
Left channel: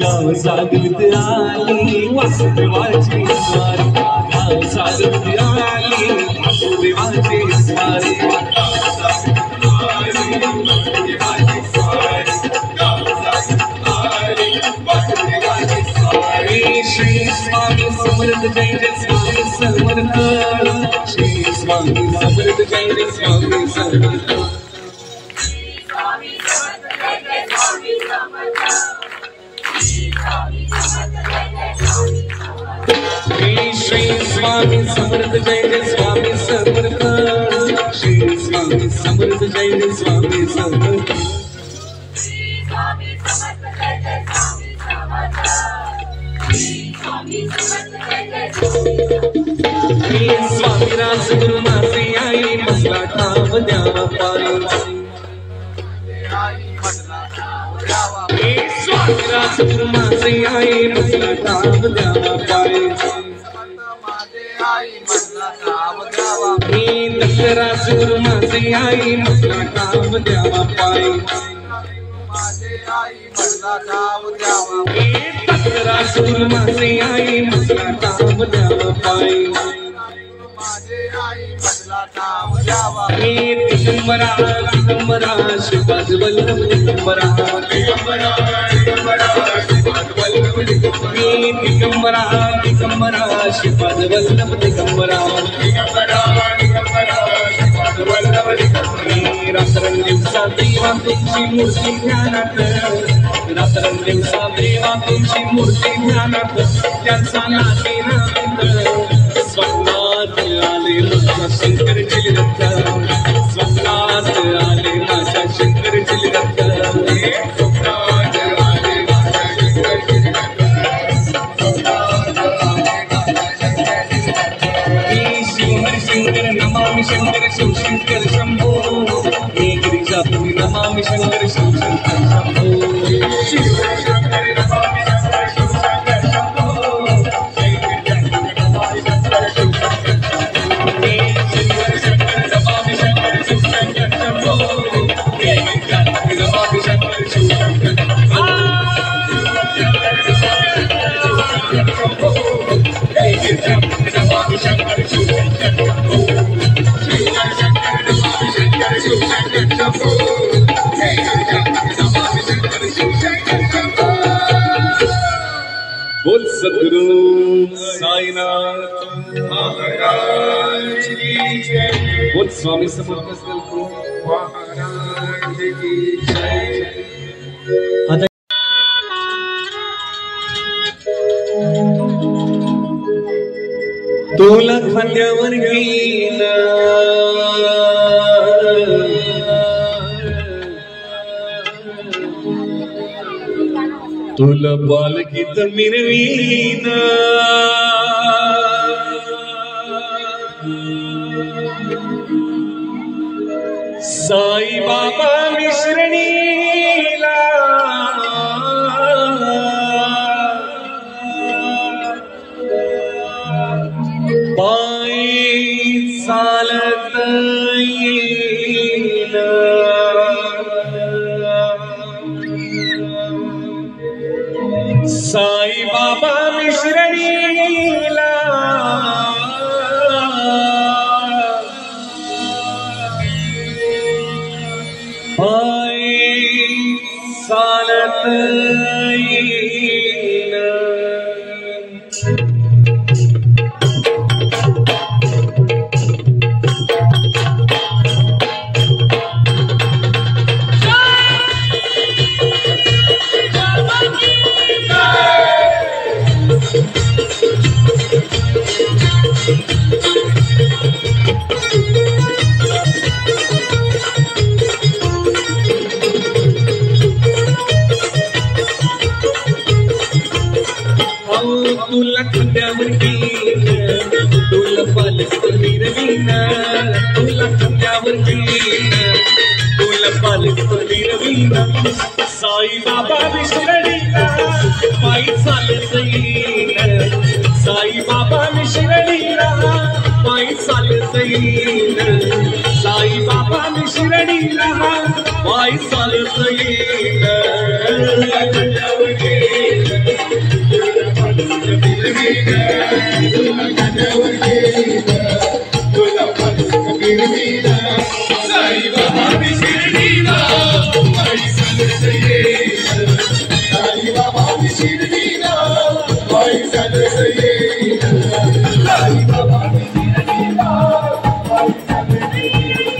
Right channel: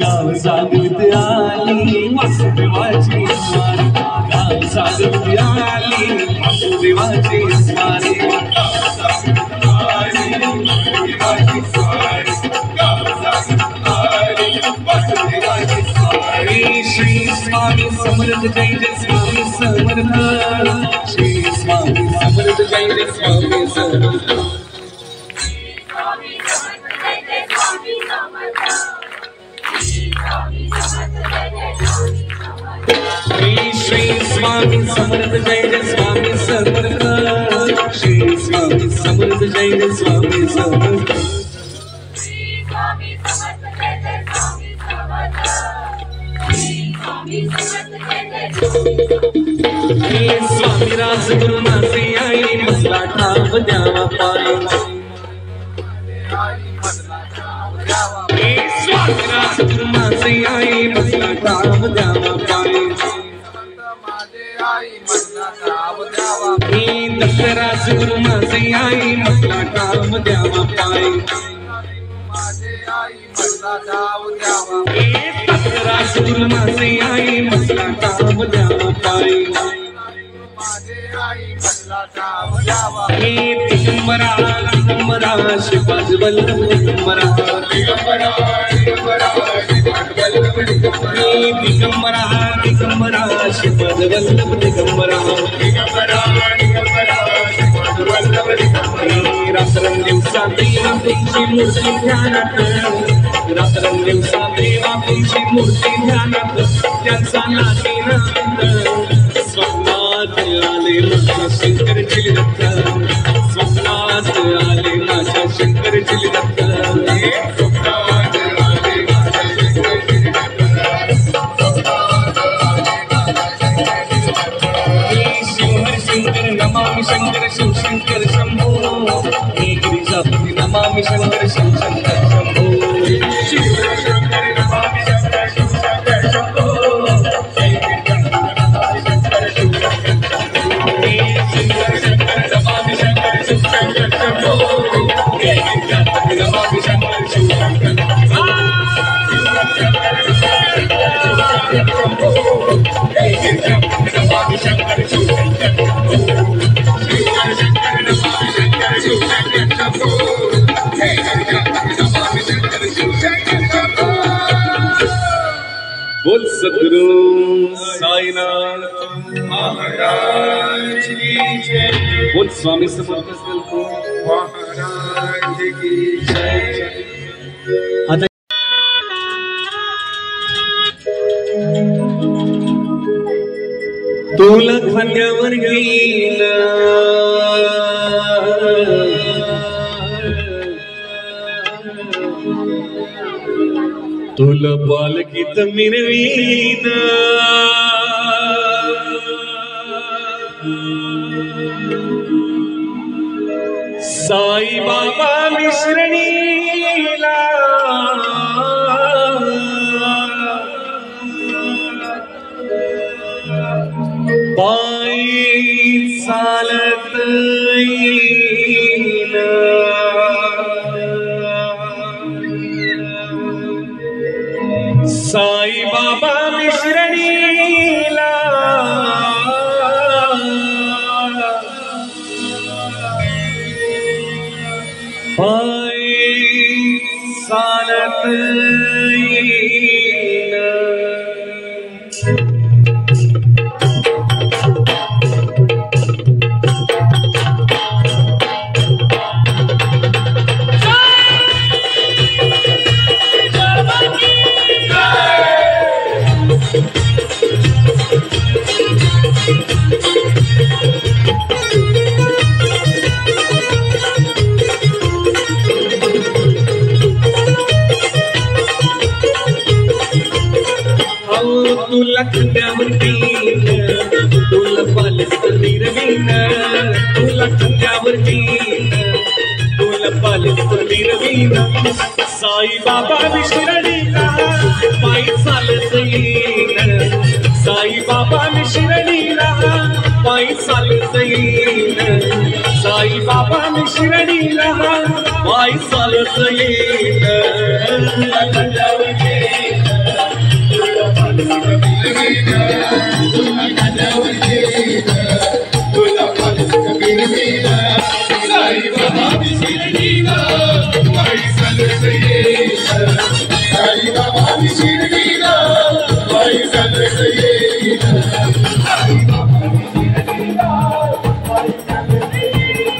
गाव सागरत आली वासुदेवाची स्वारी गाव सागरत आली वासुदेवाची स्वारी श्री स्वामी समर्थ जय जय स्वामी समर्थ श्री स्वामी समर्थ जय जय स्वामी समर्थ श्री स्वामी समर्थ जय जय स्वामी समर्थ श्री स्वामी समर्थ जय जय स्वामी समर्थ स्वामी राजगुरु मासे आई मसला ठाव द्यावा पायी स्वामी राजगुरु मासे आई मसला ठाव द्यावा पायी दत्तराजगुरु मासे आई मसला ठाव द्यावा पायी दत्तराजगुरु मासे आई मसला ठाव द्यावा पायी दिगंबरा दिगंबरा शिवाज वल्लभ दिगंबरा दिगंबरा दिगंबरा शिवाज वल्लभ दिगंबरा रात्रंदिवसा देवा तुमची मूर्ती ध्यानात रात्रंदिवसा देवा तुमची मूर्ती ध्यानात त्याचा नातेनात स्वप्नात आले माझ्या शंकरची रक्त स्वप्नात आले माझ्या शंकरची रक्त स्वप्नात आले माझ्या शंकरची शंकर नमामि शंकर शिव शंकर शंभो हे गिरिजापुरी नमामि शंकर शिव शंकर शंभो शिव शंकर नमामि शंकर शिव शंकर शंभो जय गिरिजापुरी नमामि शंकर शिव शंकर शंभो शिव शंकर नमामि शंकर शिव शंकर शंभो जय गिरिजापुरी नमामि शंकर शिव शंकर शंभो जय गिरिजापुरी नमामि शंकर शिव शंकर बोल सद्गुरु साईनाथ महाराज की जय बोल स्वामी समर्थ महाराज की जय तुला खांद्यावर घेईल तुला बालगीत मिरवीन साई बाबा मिश्रणीला पायी चालत येईन साई बाबा मिश्रणीला पाय चालत येईन तुला खांद्यावर घेईन तुला पालखी रवीन तुला खांद्यावर घेईन तुला पालखी रवीन साई बाबा मिश्रणीला पायी चालत येईन साई बाबा मिश्रणीला पायी चालत येईन साई बाबा मिश्रणीला पायी चालत येईन तुला खांद्यावर घेईन साई बाबा मिश्रणीला पायी चालत येईन साई बाबा मिश्रणीला पायी चालत येईन साई बाबा मिश्रणीला पायी चालत येईन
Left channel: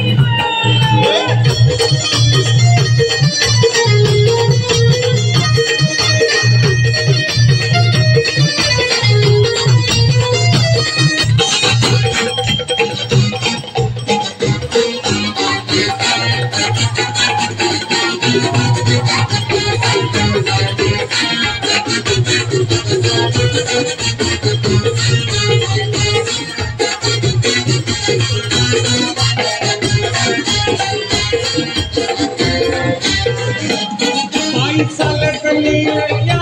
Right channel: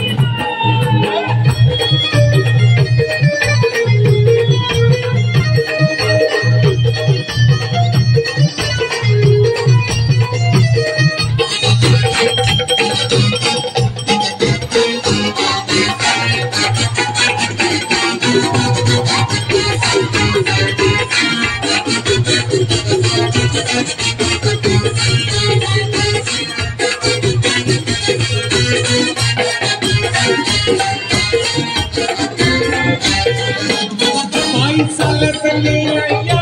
चालत गेलया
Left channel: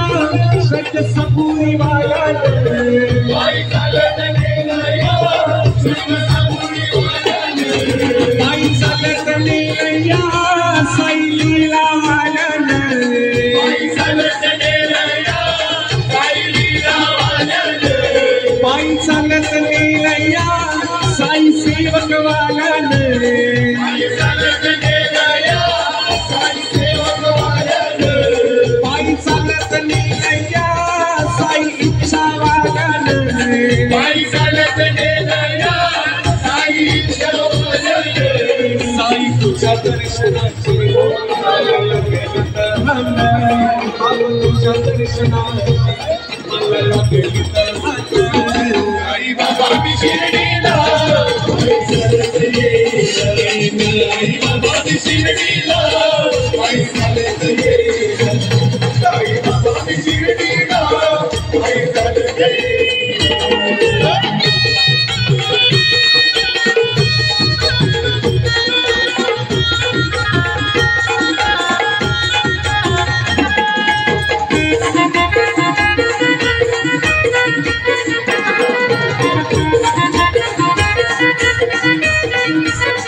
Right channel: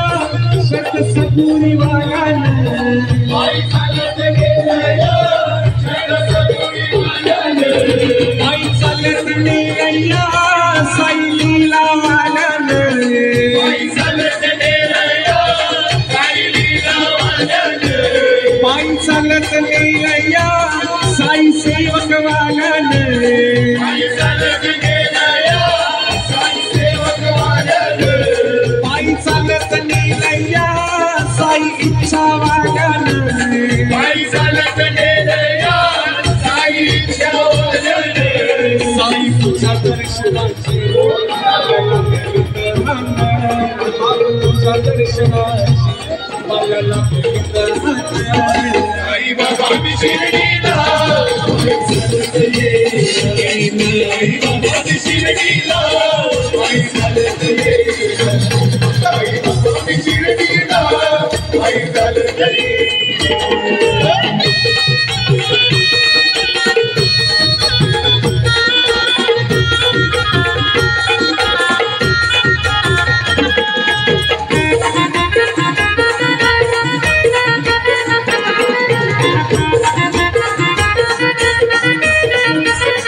सतसपुरी वाल्यान पायी चालत गेलया सतसपुरी वाल्यान पायी चालत गेलया साई लीला वाल्यान पायी चालत गेलया साई लीला वाल्यान पायी चालत गेलया साई सेवक वाल्यान पायी चालत गेलया साई सेवक वाल्यान चालत गेलया साई इच्छा वाल्यान पायी चालत गेलया साई इच्छा वाल्यान साई तुझ्या दर्शनाची मला लागली तहान तुझ्या दर्शनाची मला लागली तहान साई बाबा मिश्रणीला चालत येईन साई बाबा मिश्रणीला पायी चालत येईन साई बाबा मिश्रणीला पायी चालत येईन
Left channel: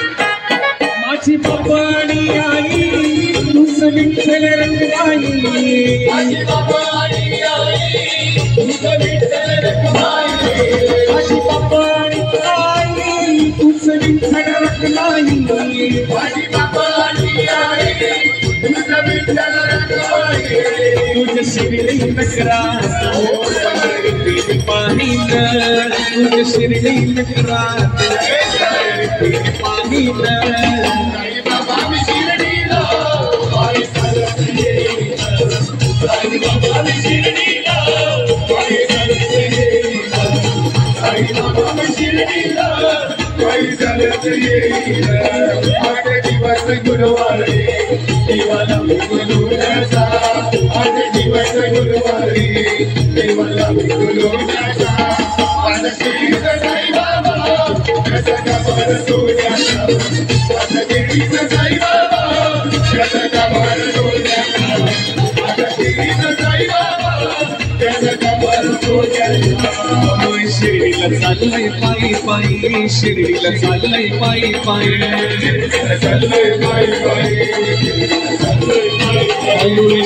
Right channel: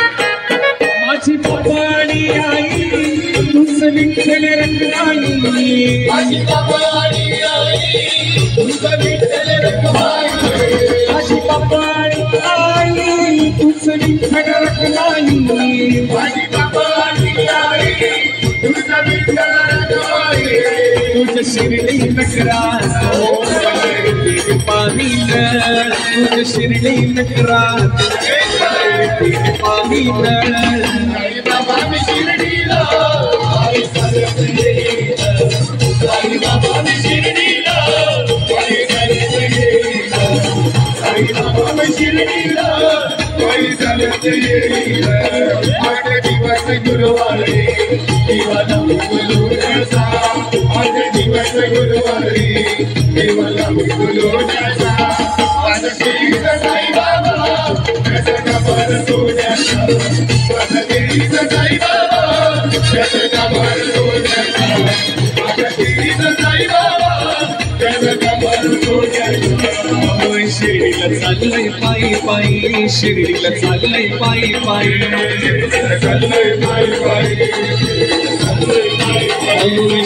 माझी बाबाणी आई तुझ विठ्ठल रंगवाणी माझी बाबाणी आई तुझ विठ्ठल रंगवाणी माझी बाबाणी आई तुझ विठ्ठल रंगवाणी माझी बाबाणी आई तुझ विठ्ठल रंगवाणी तुझ शिरली नकरात पाणी तुझ शिरली नकरात पाणी साई बाबा मिश्रणीला पायी चालत येईन साई बाबा मिश्रणीला पायी चालत येईन साई बाबा मिश्रणीला पायी चालत येईन आज दिवस गुरुवारी देवाला विठुलोण्याचा आज दिवस गुरुवारी देवाला विठुलोण्याचा आज श्री साई बाबा कसं कपाळ सोन्याचा आज श्री साई बाबा कसं कपाळ सोन्याचा आज श्री साई बाबा कसं कपाळ सोन्याचा शिर्डीला चाललंय पायी पायी शिर्डीला चाललंय पायी पायी चाललंय पायी पायी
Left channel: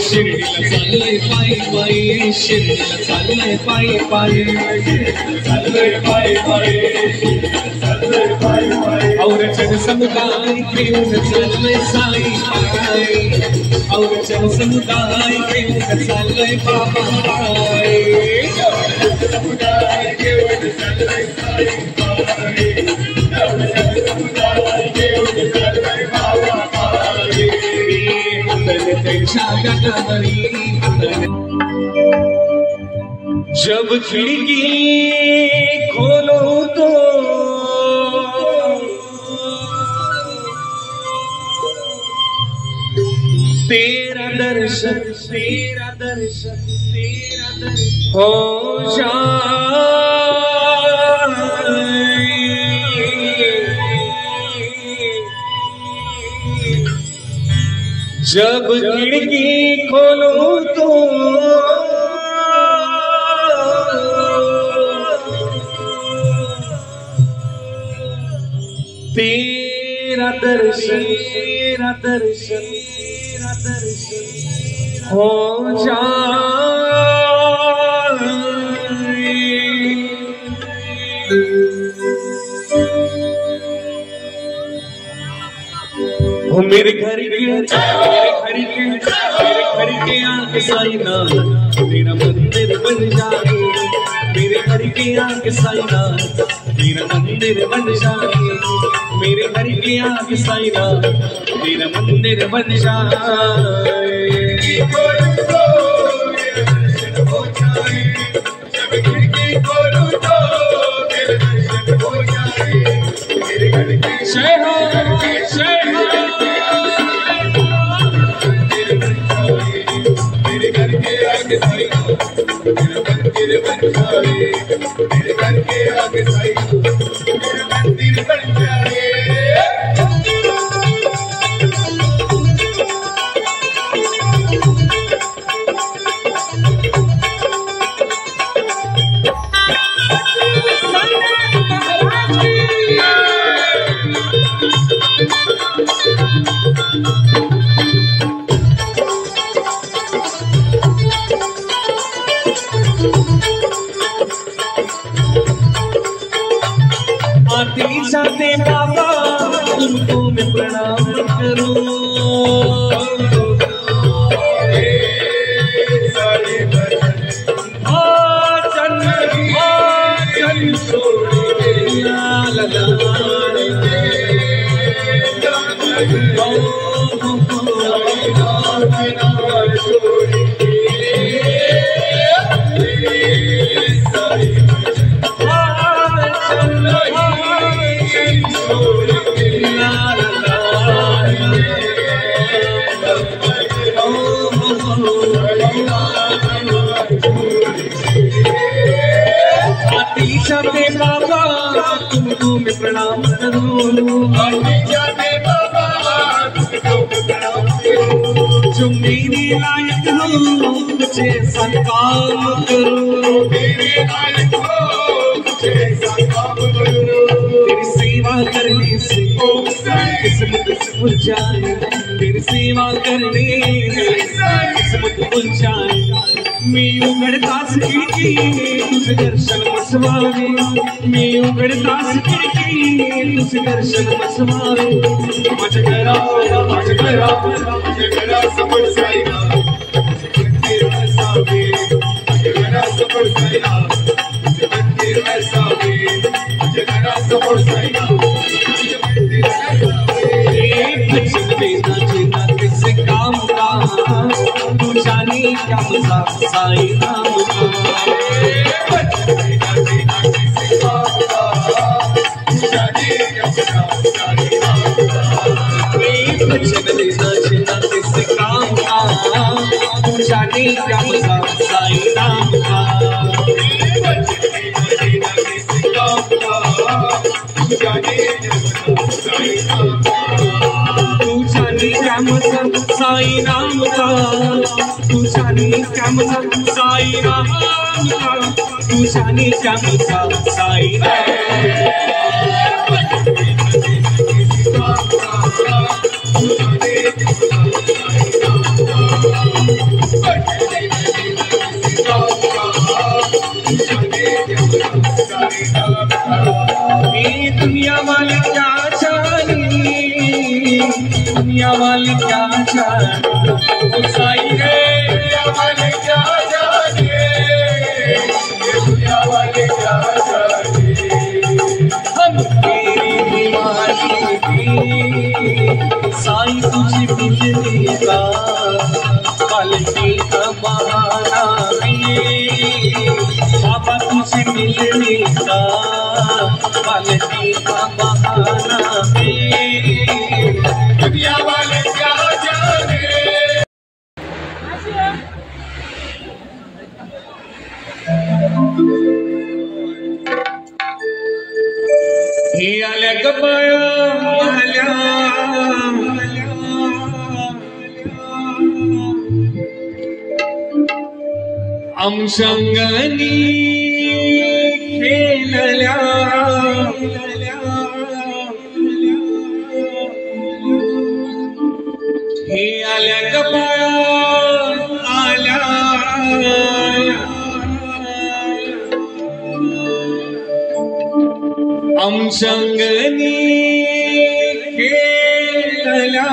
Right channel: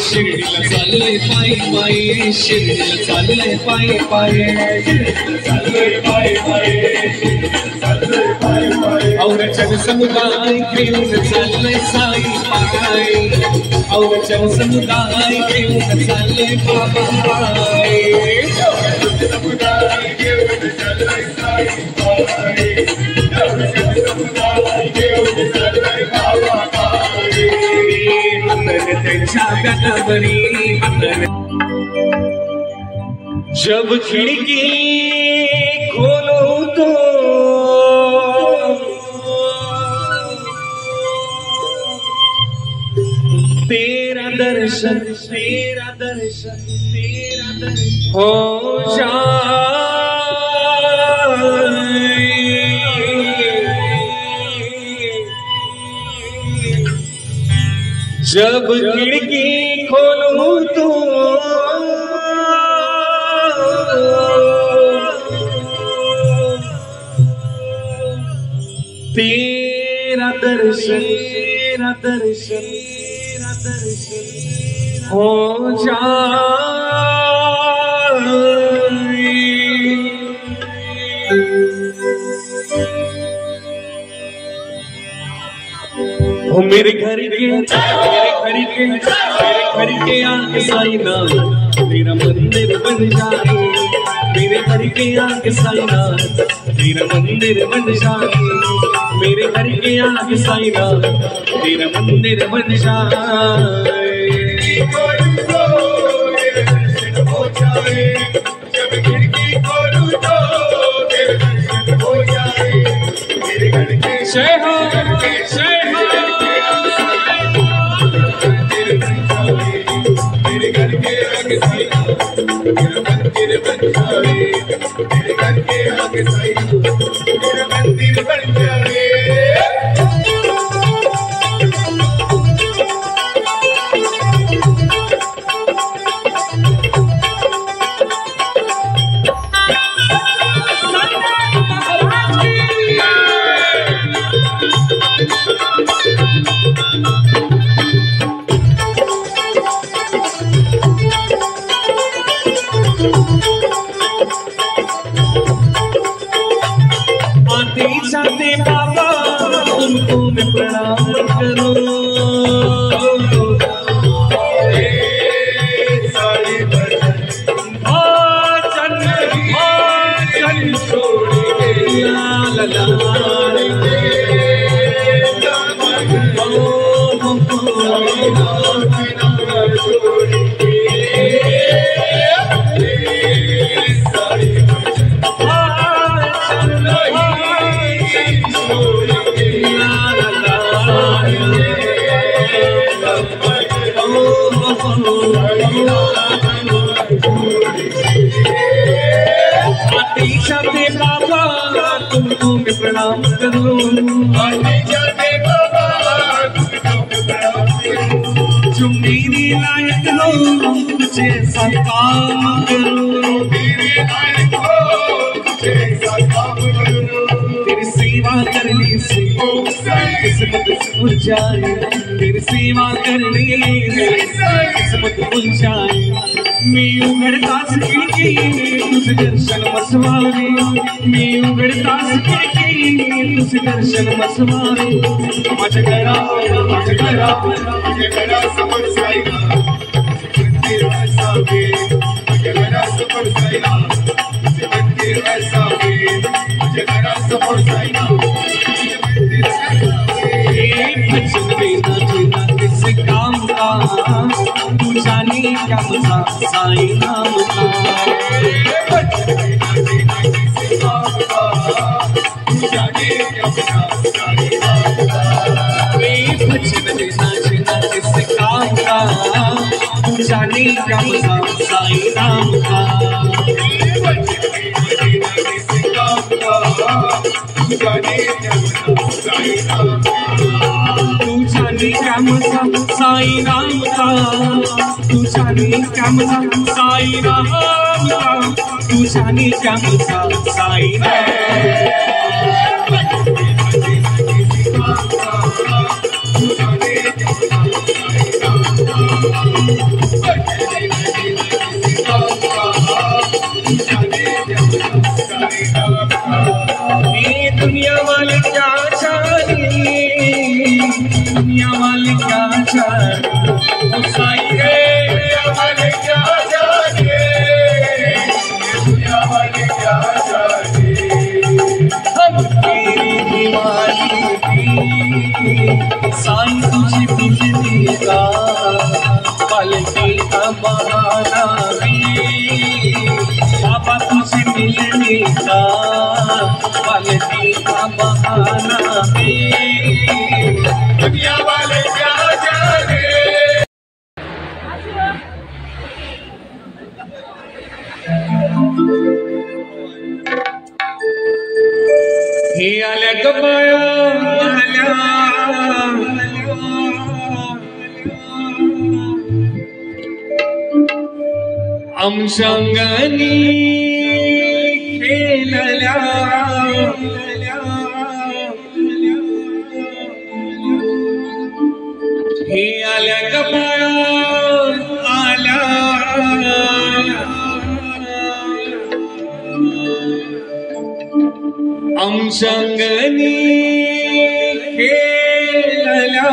शिर्डीला चाललंय पायी पायी शिर्डीला चाललंय पायी पायी चाललंय पायी पायी चाललंय पायी पायी औरचन समुदाय घेऊन चाललंय साई पाय औरचन समुदाय घेऊन चाललंय बाबा पाय समुदाय घेऊन चाललंय साई पाय औरचन समुदाय घेऊन चाललंय बाबा पाय जब खिड़की खोलो तो तेरा दर्शन हो जाए जब खिड़की खोलो तो तेरा दर्शन हो जाए हो मेरे घर के आके साई नाम तेरा मंदिर बन जाए मेरे घर के आके साई नाम तेरा मंदिर बन जाए मेरे घर के आके साई नाम तेरा मंदिर बन जाए जाते बाबा तुमको मैं प्रणाम करूं तुमको मैं प्रणाम करूं जो मेरी लायक हो कुछ ऐसा काम करूं तेरी सेवा करने से किस्मत खुल जाए तेरी सेवा करने से किस्मत खुल जाए मैं उघडता सखी तुझे दर्शन मसवावे मैं उघडता सखी तुझे दर्शन मसवावे माझ्या घरा समोर साईला मंदिर असावे माझ्या घरा समोर साईला मंदिर असावे माझ्या घरा समोर साईला मंदिर असावे किसी काम का तू जाने क्या मजा साई नाम का जाने क्या मजा साई नाम का तू जाने क्या मजा साई नाम का तू सानी श्यामचा साई रामचा तू सानी श्यामचा साई दुनिया वाले क्या चाहे दुनिया वाले क्या चाहे साई रे दुनिया वाले क्या चाहे दुनिया वाले क्या चाहे हम साई तुझे बिजली का पालकी का बहाना बाबा तुझे मिलने का पालकी का बहाना दुनिया वाले क्या जाने हे आल्या गमाया आल्या आमच्यागणी खेळल्या हे आल्या गबाया आल्या आमच्यागणी खेळल्या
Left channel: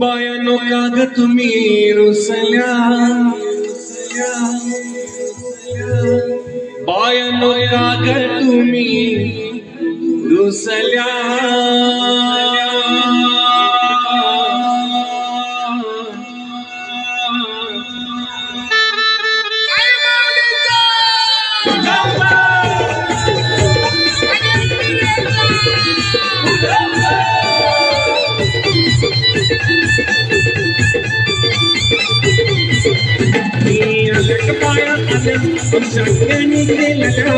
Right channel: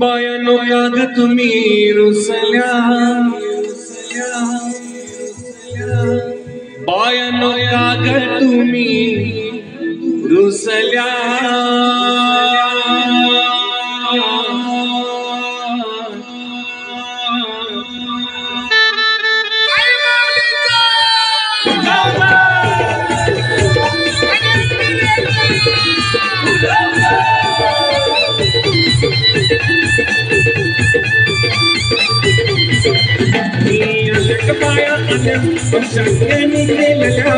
बायानो काग तुम्ही रुसल्या बायानो काग तुम्ही रुसल्या बाया आल्या आमच्यागणी गेलेल्या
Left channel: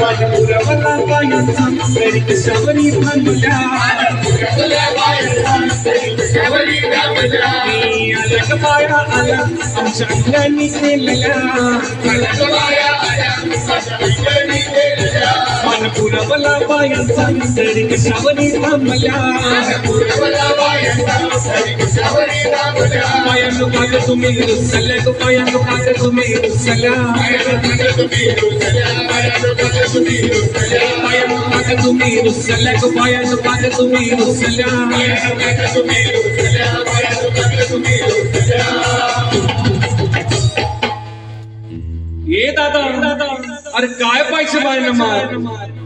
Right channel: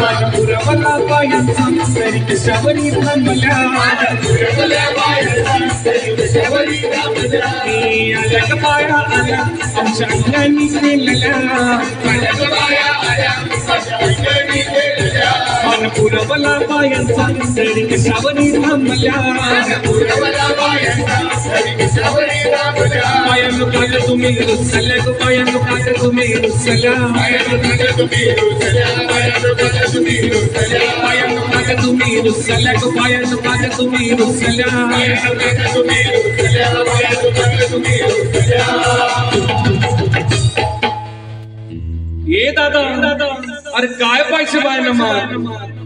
माझ्या पुरावला बायांचा तरी कशावरी थांबल्या बाया आल्या आमच्यागणी गेलेल्या माझ्या पुरावला बायांचा तरी कशावरी थांबल्या पायांनो काग तुम्ही रुसल्या गो पायांनो काग तुम्ही रुसल्या पायांनो काग तुम्ही रुसल्या गो पायांनो काग तुम्ही रुसल्या ये दादा अरे काय पैसे बायना मार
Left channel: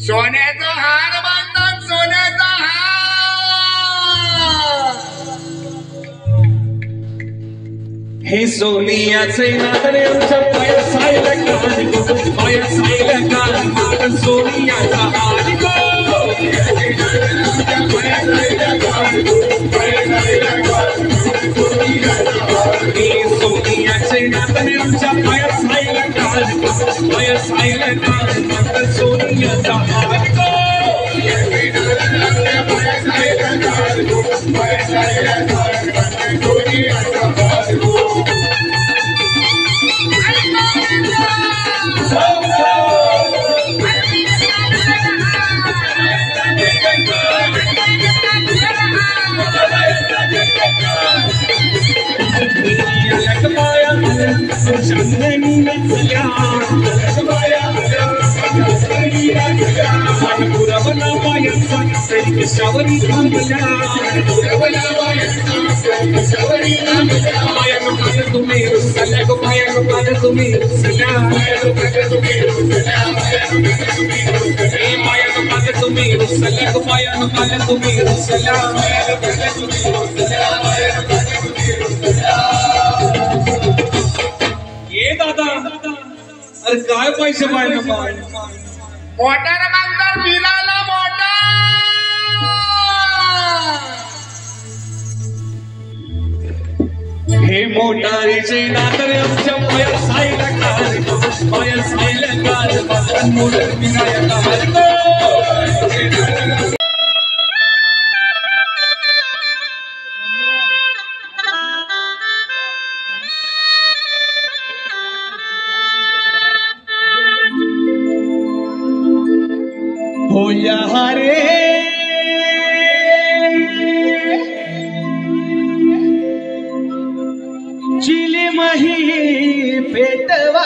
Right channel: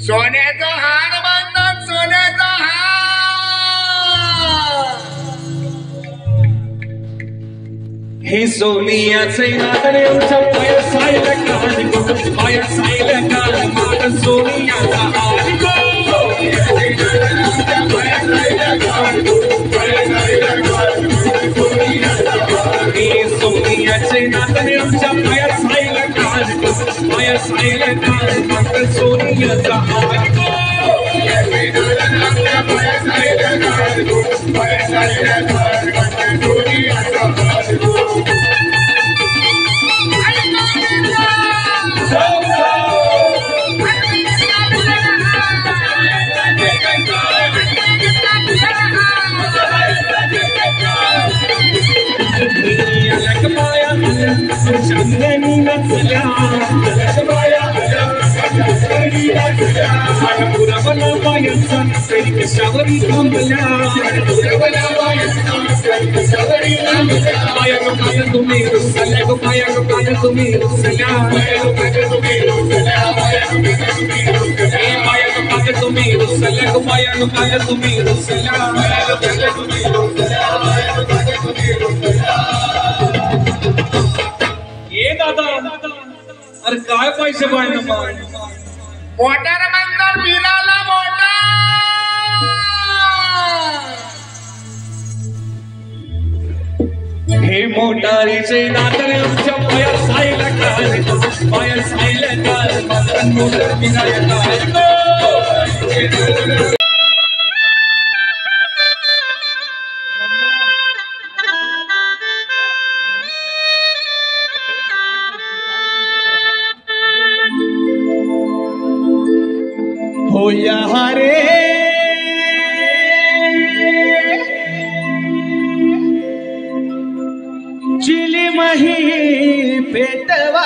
सोन्याचा हार बांधतात सोन्याचा हार हे सोनियाचे नादरे आमच्या पाया सायला कान सोनियाचा हार हे सोनियाचे नादरे आमच्या पाया सायला कान सोनियाचा हार पुरावला बायांचा कशावरी थांबल्या पायांनो काग तुम्ही रुसल्या गो पायांनो काग तुम्ही रुसल्या पायांनो काग तुम्ही रुसल्या गो पायांनो काग तुम्ही रुसल्या ये दादा अरे काय पैसे पाहिजे मोटर म्हणतात बिलाला मोटर हे मोटारीचे दादरे आमच्या पाया सायला कान पायल स्नेहकार मदन मोदक विनायकार हो यहाँ रे चिली मही पेटवा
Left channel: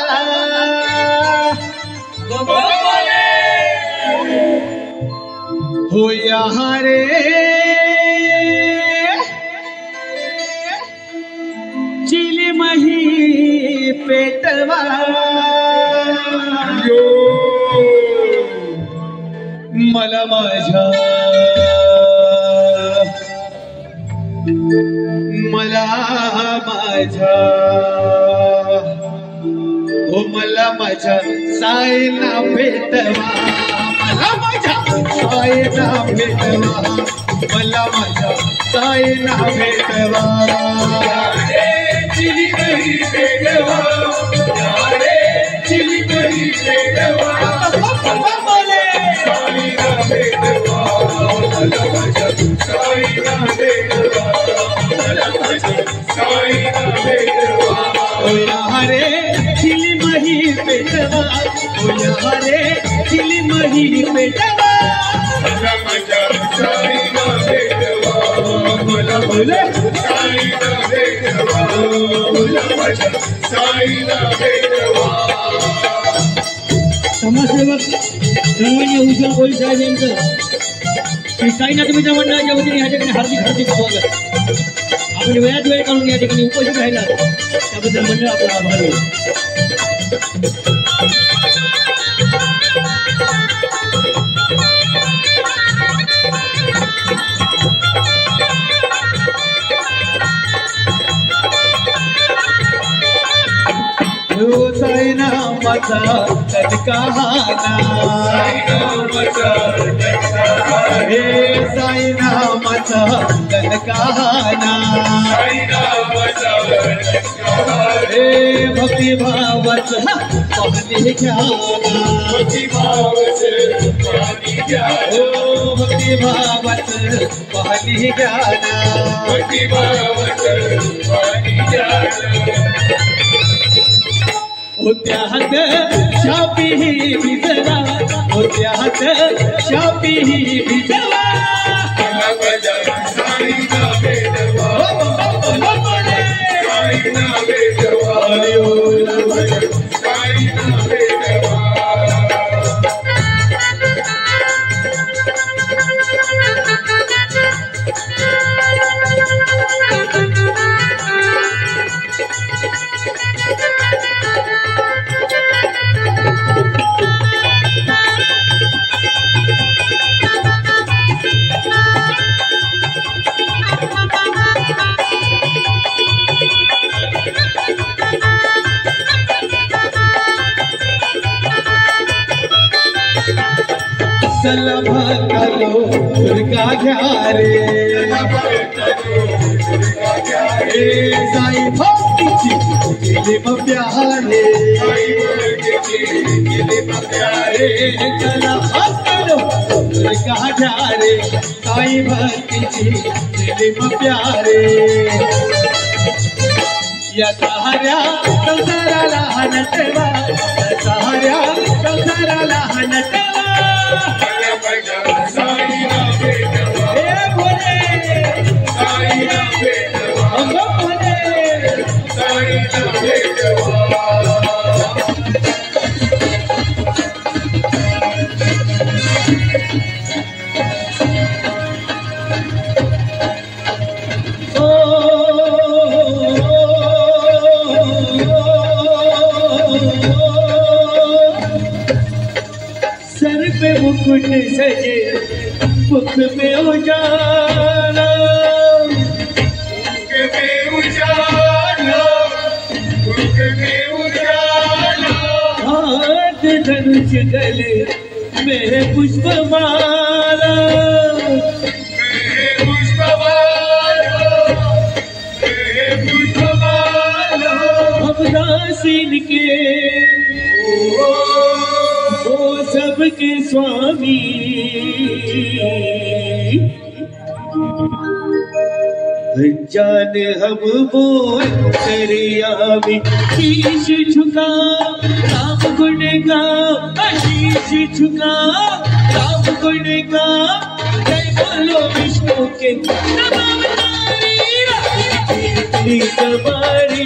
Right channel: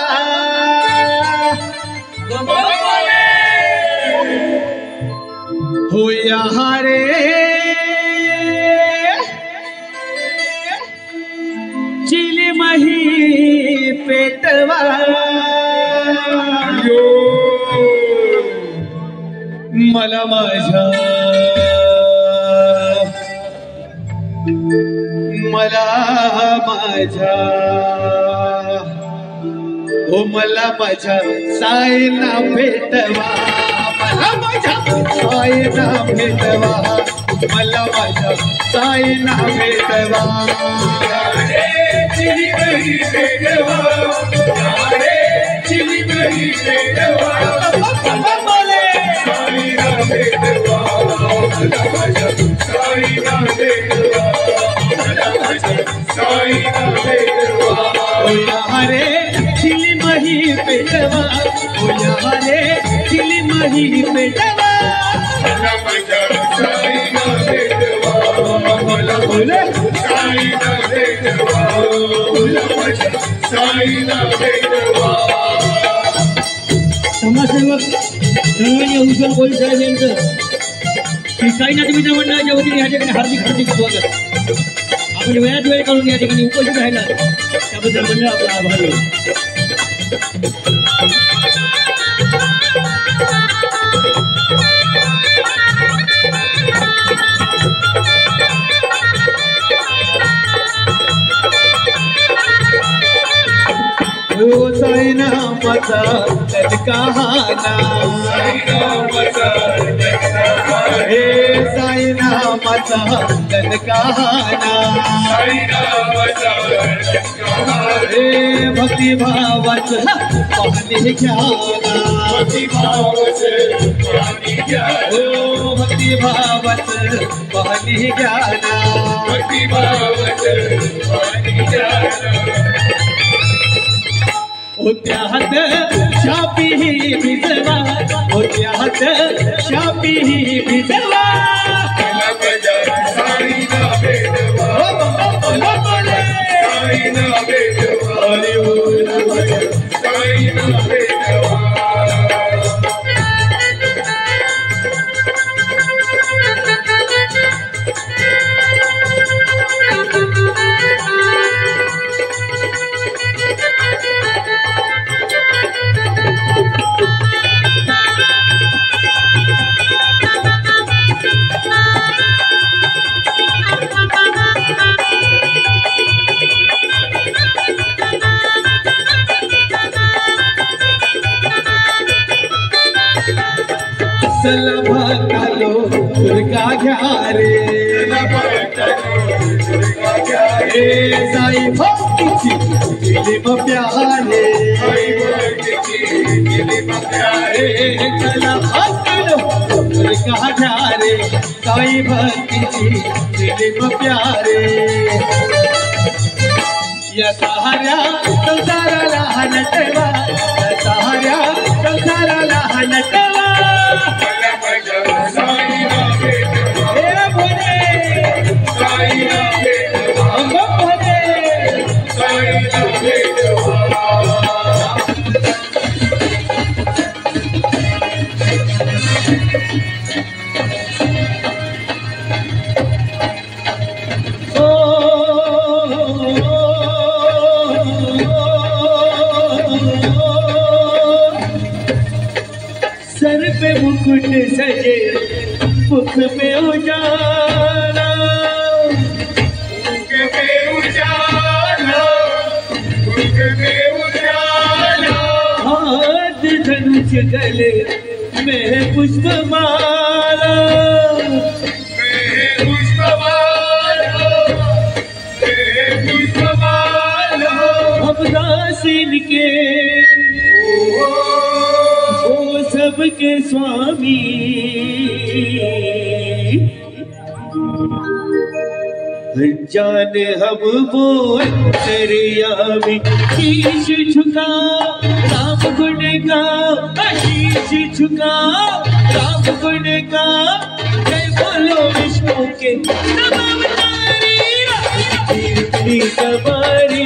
हो यहाँ रे चिली मही पेटवा मला माझ्या हो मला माझ्या साईला भेटवा मला माझ्या साईला भेटवा मला माझ्या साईला भेटवा चिली करी भेटवा चिली करी भेटवा साईला भेटवा मला माझ्या साईला भेटवा मला माझ्या साईला भेटवा ओ यहाँ रे चिली मही पेटवा ओ यहाँ रे चिली मही पेटवा मला माझ्या साईला भेटवा मला बोले साईला भेटवा मला माझ्या साईला भेटवा समाजसेवक रंगणे भूषण कोळी साहेब यांचं श्री साईनाथ मित्र मंडळाच्या वतीने या ठिकाणी हार्दिक हार्दिक स्वागत. आपण वेळात वेळ काढून या ठिकाणी उपस्थित राहिला त्याबद्दल मंडळ आपला आभारी आहे. साईनामाचा तत्काहाना हे साईनामाचा तत्काहाना हे भक्तिभावाचं पाहणे घ्याना भक्तिभावाचं पाहणे घ्याना होत्यात शापी भिजवा होत्यात शापी भिजवा साईना भेटवा साईना भेटवा साईना भेटवा सलभालो दुर्गा घ्या रे साई भक्तीची केली प्यारे सलभालो दुर्गा घ्या रे साई भक्तीची केली प्यारे या सहाऱ्या संसाराला हनटवा या सहाऱ्या संसाराला हनटवा साईना भेटवा हे भोले साईना भेटवा भोले साईना भेटवा सर पे मुकुट सजे मुख पे उजाला मुख पे उजाला मुख पे उजाला हाथ धनुष गले में पुष्पमाला हम दासीन के के स्वामी जाने हम बोल दरिया में शीश झुका राम गुण गा शीश झुका राम गुण गा जय बोलो विष्णु के सवारी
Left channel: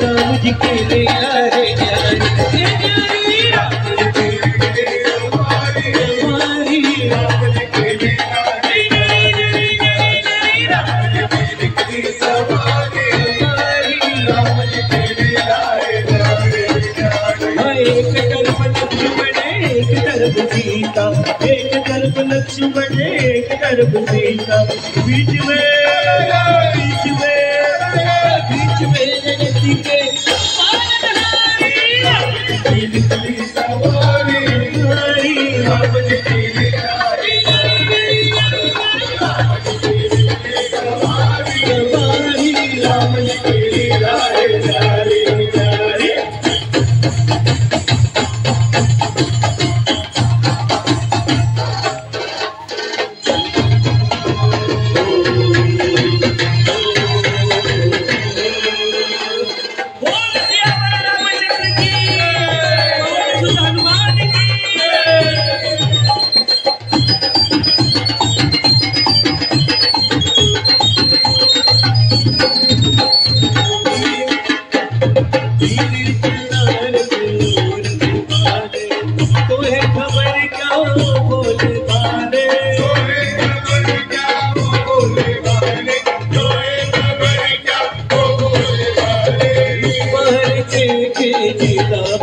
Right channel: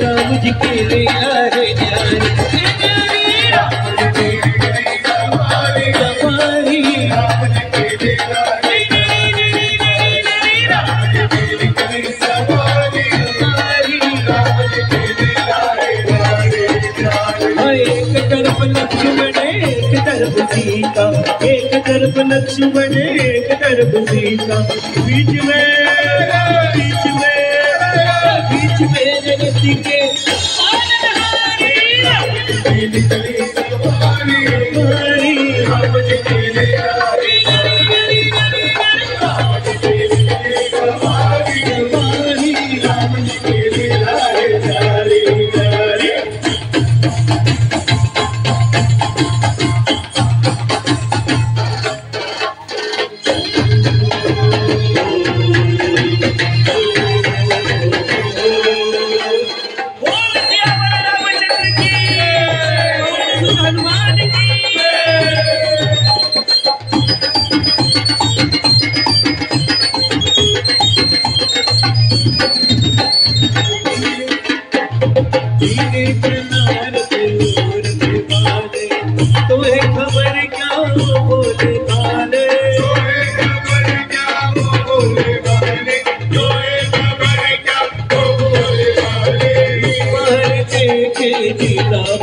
राम जी के लीला है सीता एक तरफ लक्ष्मण एक तरफ सीता बीच में रति के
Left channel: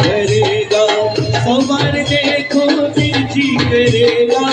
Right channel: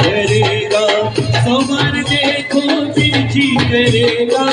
भरेगा सवार देखो जी करेगा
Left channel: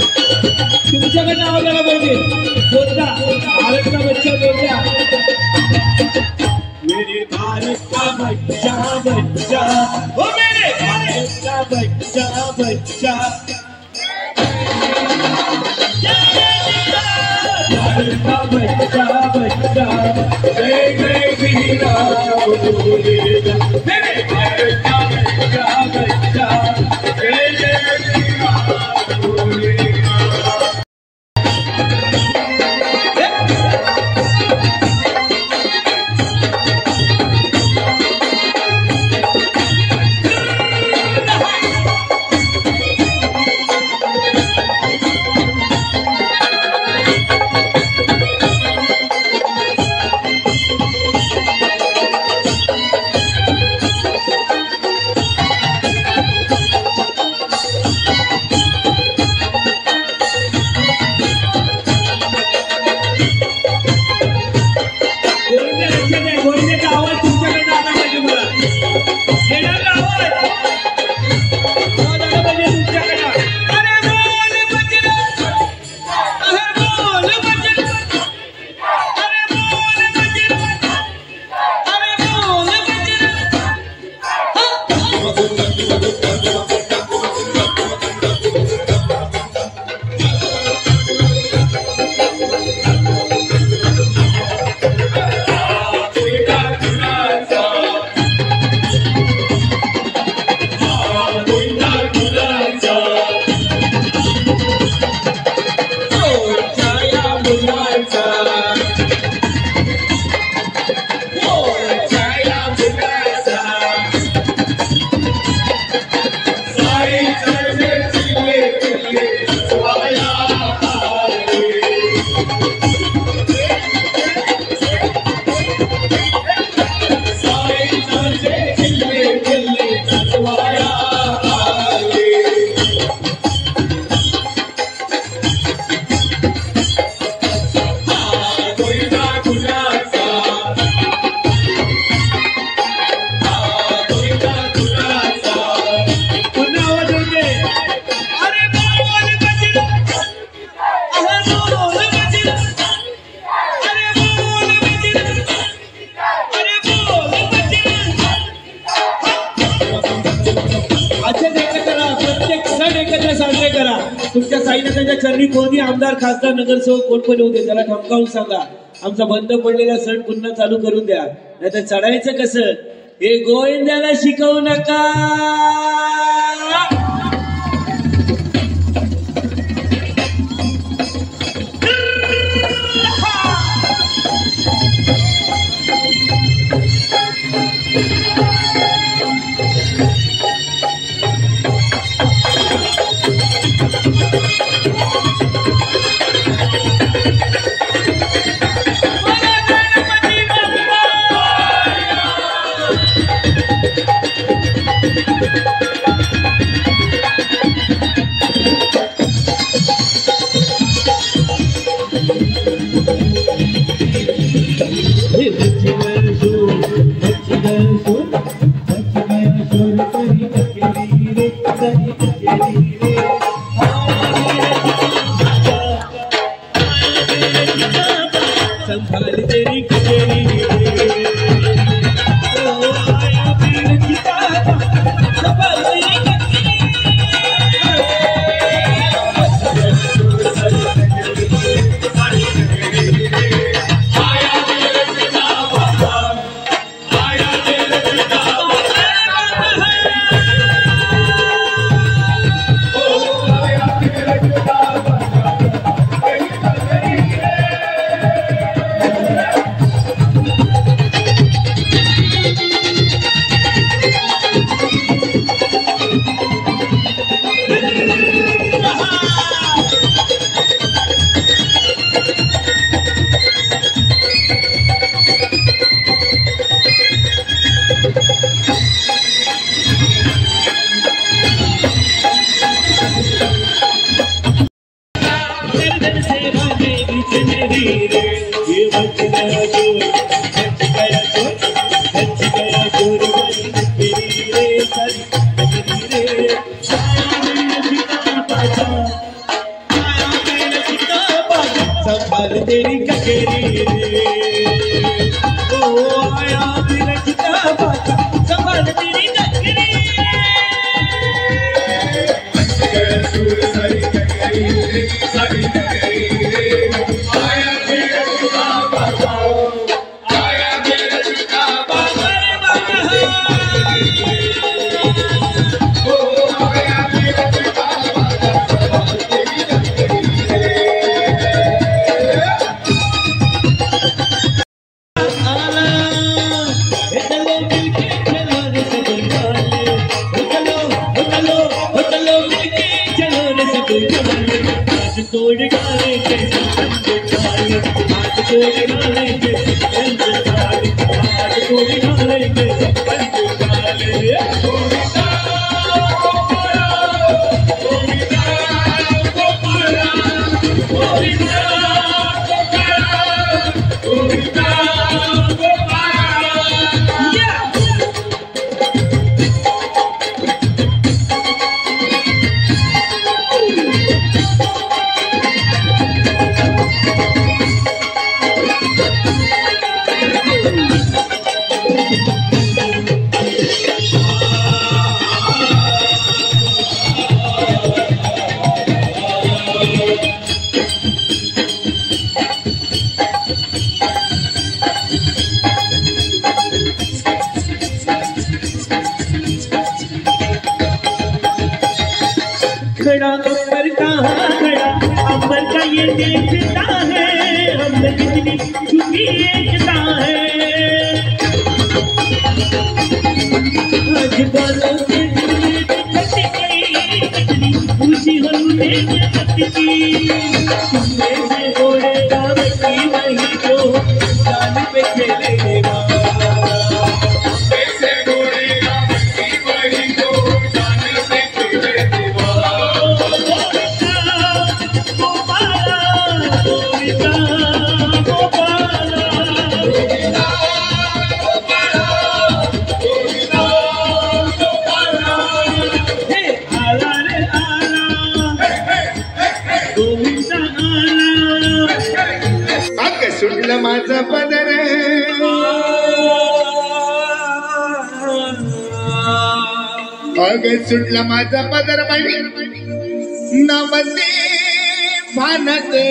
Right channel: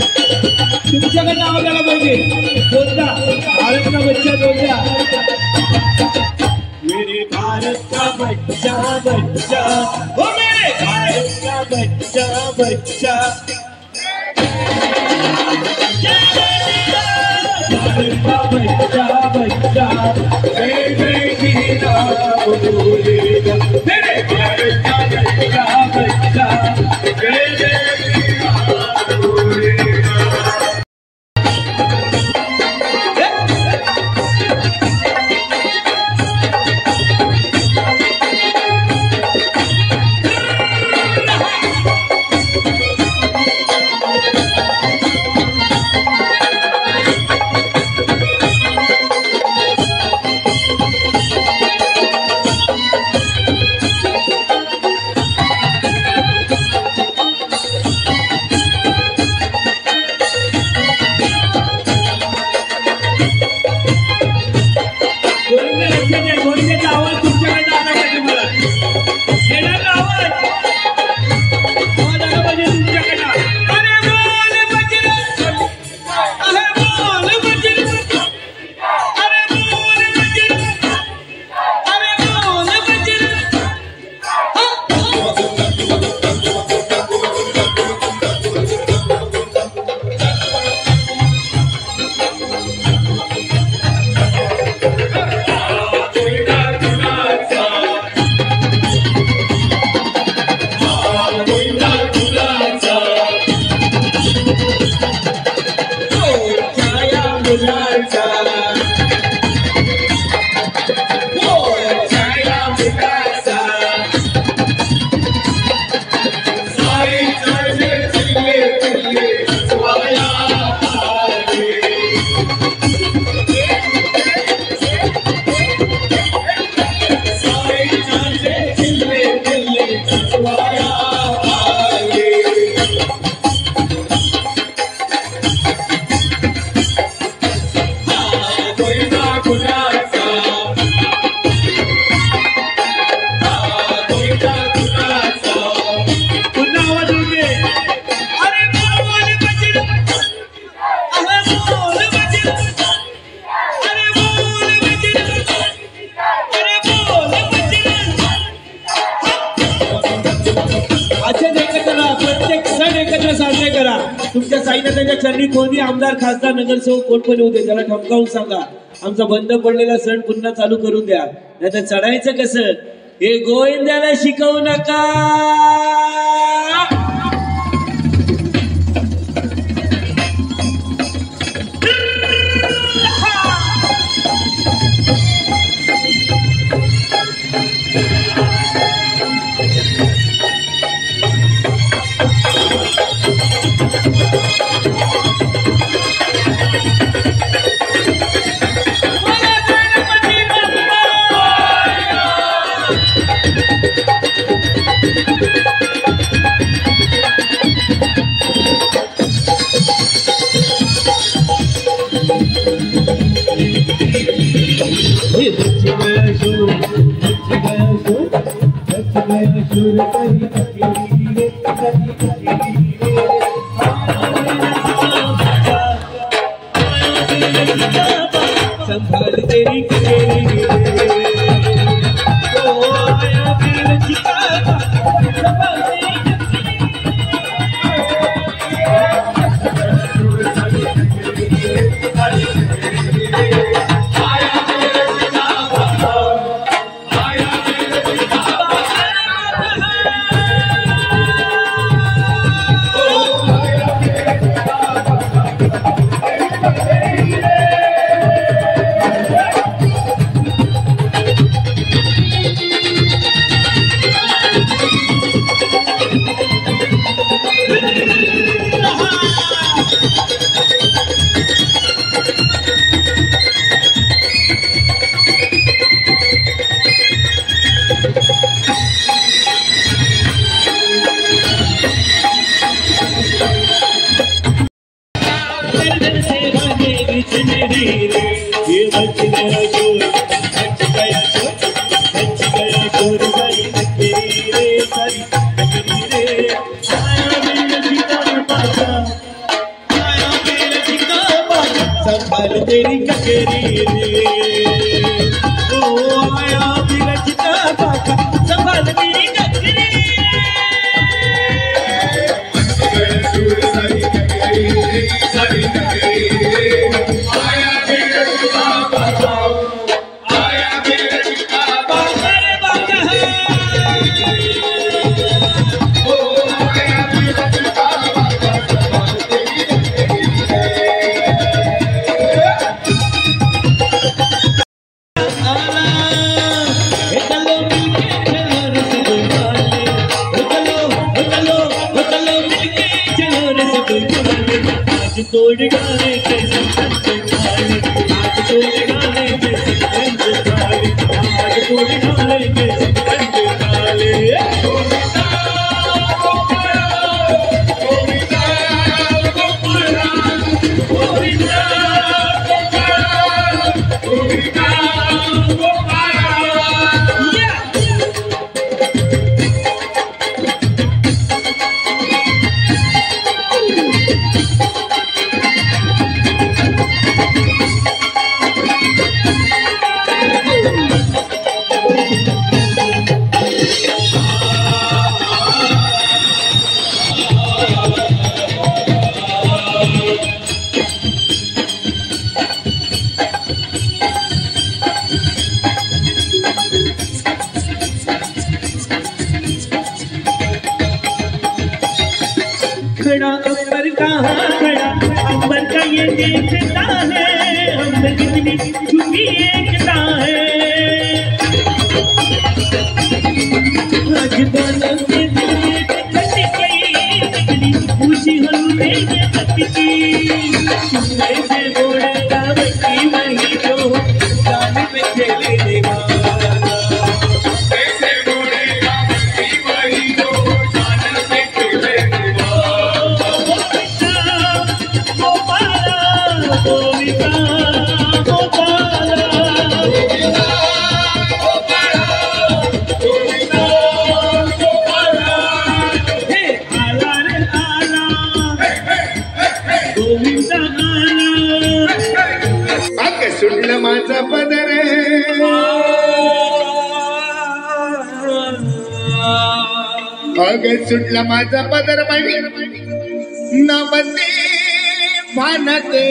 तुमच्याकडे नाव झालं पाहिजे बोलता भारत का बच्चा बोलता मेरे भारत का बच्चा बच्चा ओ मेरे भारत का बच्चा बच्चा भारत का बच्चा बच्चा जय जय श्री राम बोलेगा मेरे भारत का बच्चा बच्चा जय जय श्री राम बोलेगा तुमच्या साईनाथांच्या चरणी कोणी आमदार खासदार नगरसेवक कोण कोण होते त्याला ठमकावून सांगा. आमचा बंद पडलेला सण पुन्हा चालू करून द्या. नाहीतर चढायचं कसं हे गोविंदाला शिकवू नका. माझा पदर अग सुटला माझा पदर बाई नवते भानते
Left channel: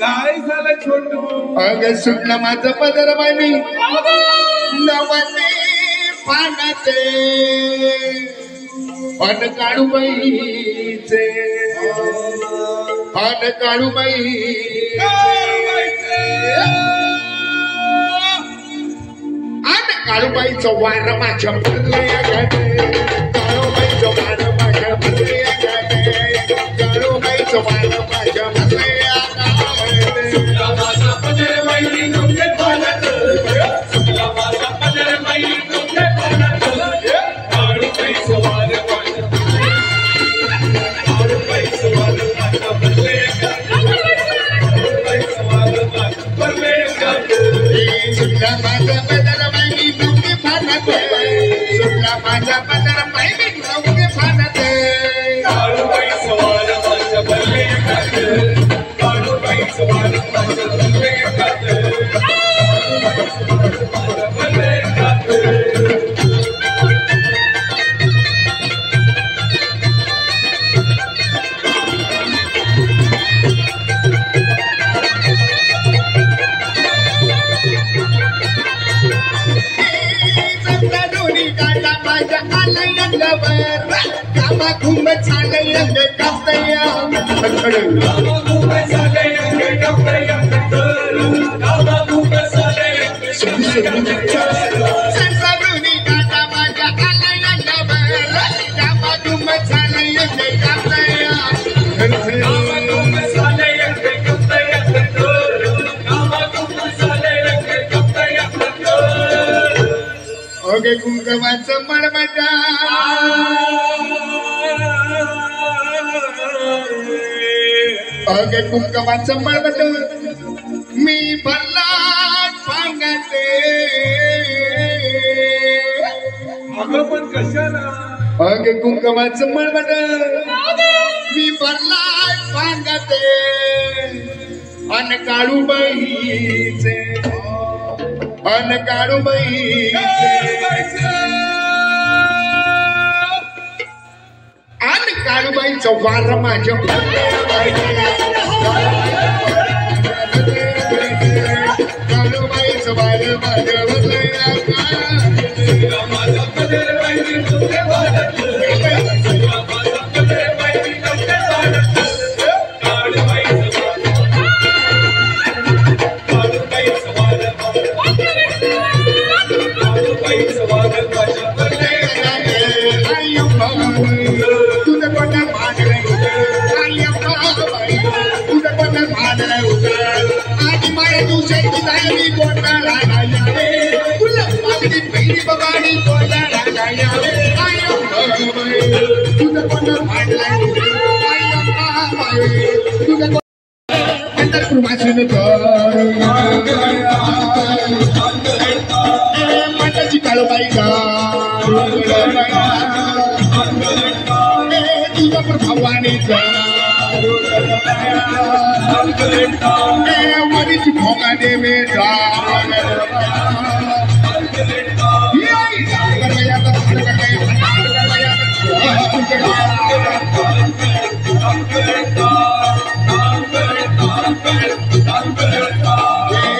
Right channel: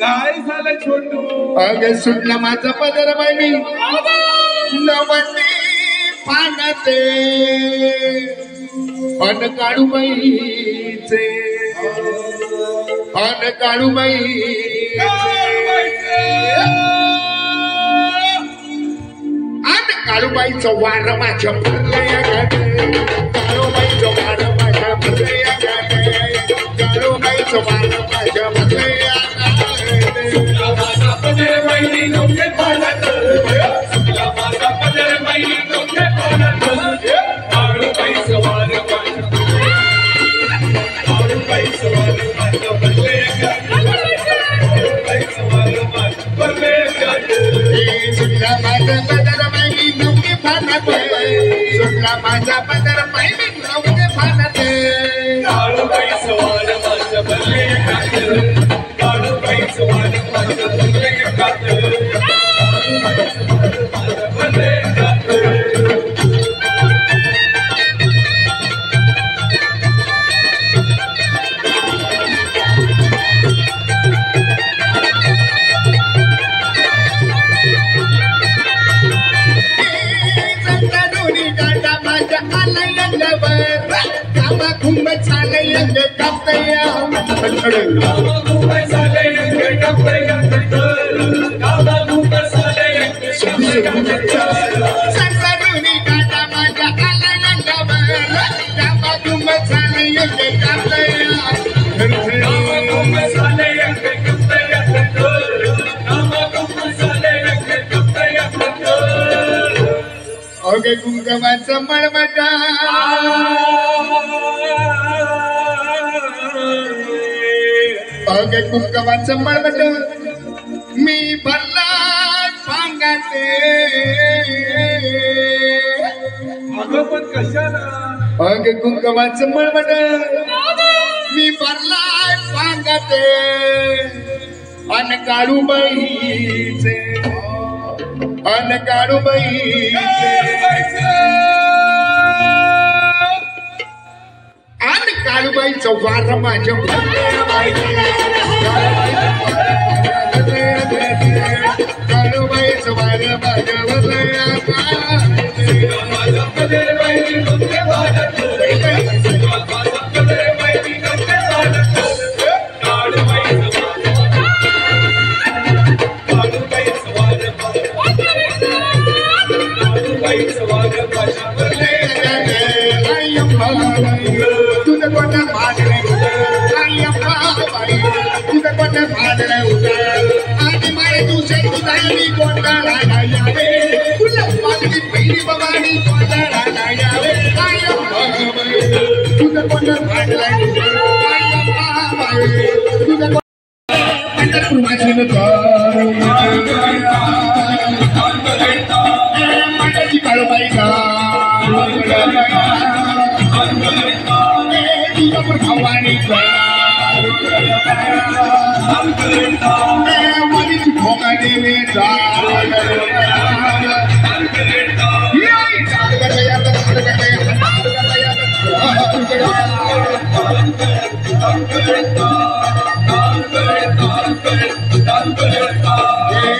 काय झालं छोटू अग सुटला माझा पदर बाई नवते भानते अन काळूबाईचे अन काळूबाई अन काळूबाईचं वार माझ्या भरलंय गाडे काळूबाईचं वार माझ्या भरलंय गाडे काळूबाईचं वार माझ्या भरलंय सुटला माझा पदर बाई नवके फानते सुटला माझा पदर बाई नवके फानते काळूबाई सवार माझ्या भरले खाते काळूबाई सवार माझ्या भरले खाते भरले खाते घुम झाले कातया संसारुनी काटा माझ्या आलंगावर कामा घुम झाले कातया ओगे कुंकवाचं मळमटा ओगे कुंकवाचं मळमट मी भरला सांगाते अगं पण कशाला ओगे कुंकवाचं मळमट मी भरला सांगाते अन काळूबाईचे अन काळूबाईचं वार माझ्या काळूबाईचं वार माझ्या तुझं कोणा भाजलंय तुझं कोणा भाजलंय आणि माझ्या तुझ्या तुझी कोणाला यावे तुला मागणी पहिली बघाणी कोणाला यावे तुझं कोणा भाजलंय तुझं पंढरपूरवाचन माताची काळूबाई तुझ्यावर भवानी मनीची भोगा देवे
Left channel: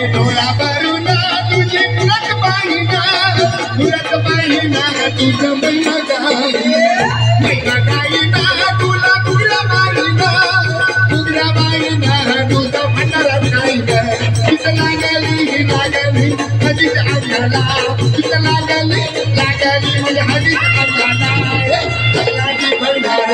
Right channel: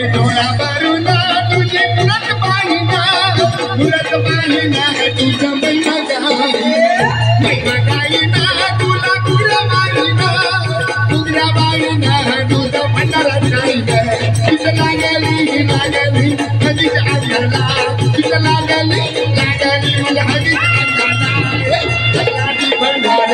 डोळा भरून तुझी मुरत बाईना तुझं महिना गाईना तुला गुळा बाईना तुझ्या बाईना तुझं भंडारात नाही तुझं लागली हजीच आल्याला तुझं लागली म्हणजे हजीच आल्याला भंडार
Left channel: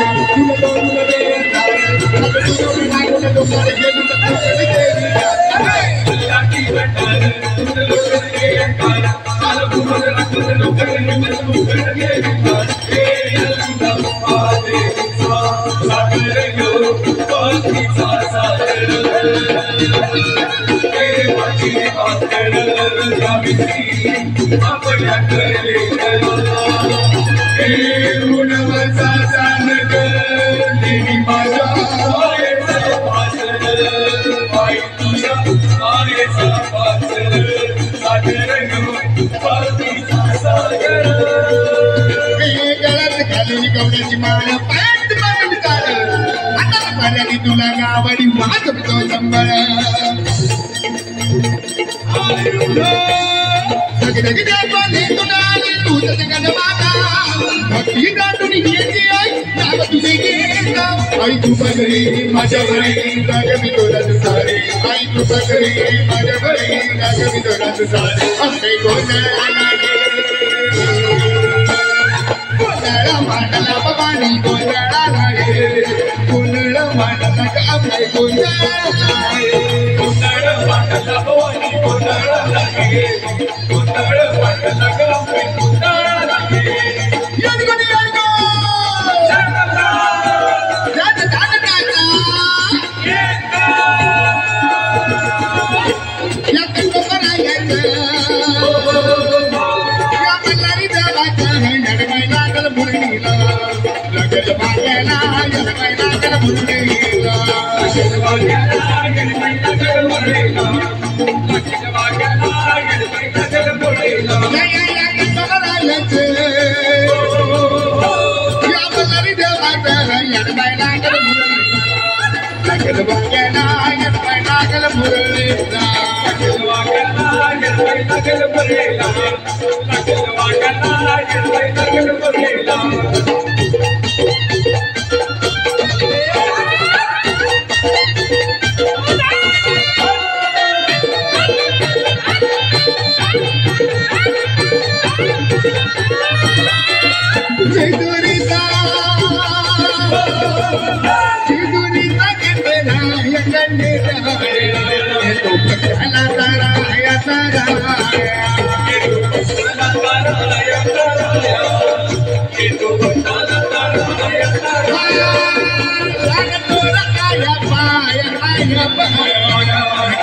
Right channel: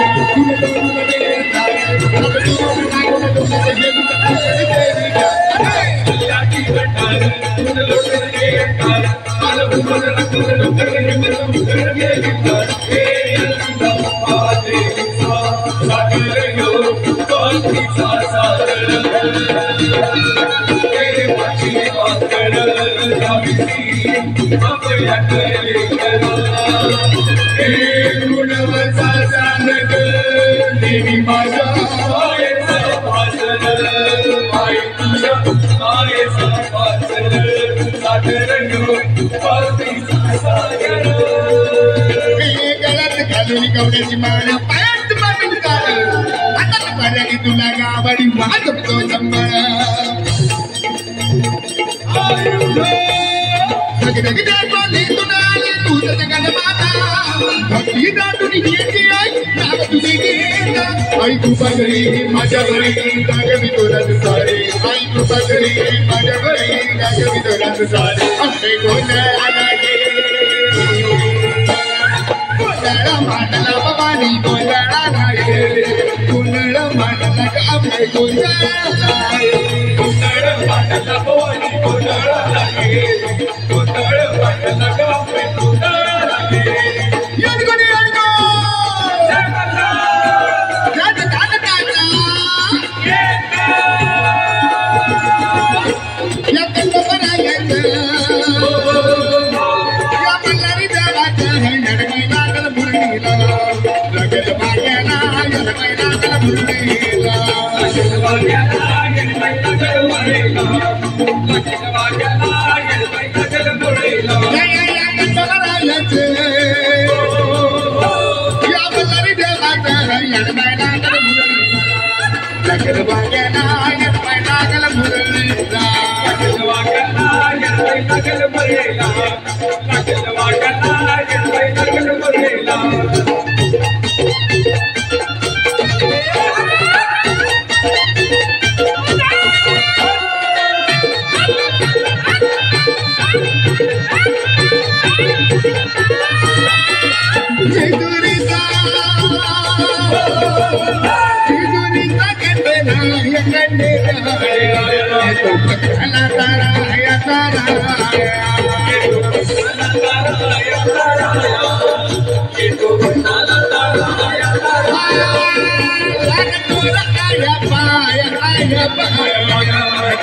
Bye. गवड्याची माळ पायात बांधून काळ हातात पर्याली तुला गावाडी वाजवतो संबळ भक्ती दाटून घ्यायची आई नाव तुझे घेत आई तू बघरी माझ्या घरी गागवी तोरात सारे आई तू बघरी माझ्या घरी गागवी तोरात सारे असे गोंधळा मांडला बाबानी गोंधळा गे गोंधळ मांडला का आपले गोंधळा गोंधळ मांडला भवानी गोंधळा गे गोंधळ मांडला का आपले गोंधळा गे यादगोनी यादगो याद दादा दादा या तंगो बनायचं या मल्हारी देवाचं नडगय लागल मुरलीला लगल बाग्याला यलगय लागल मुरलीला लगल बाग्याला यलगय लागल मुरलीला लगल बाग्याला यलगय लागल मुरलीला या तंगो बनायचं या मल्हारी देवाचं यलगय लागल मुरलीला लगल बाग्याला यलगय लागल मुरलीला लगल बाग्याला यलगय लागल मुरलीला लगल बाग्याला यलगय लागल मुरलीला जेजुरीचा कंडेला या कंडेला तो पक्षाला तारा या तारा तो पक्षाला तारा या तारा लागतोरा आया पाया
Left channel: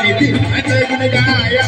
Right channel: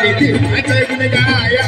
किती आता गुण गाया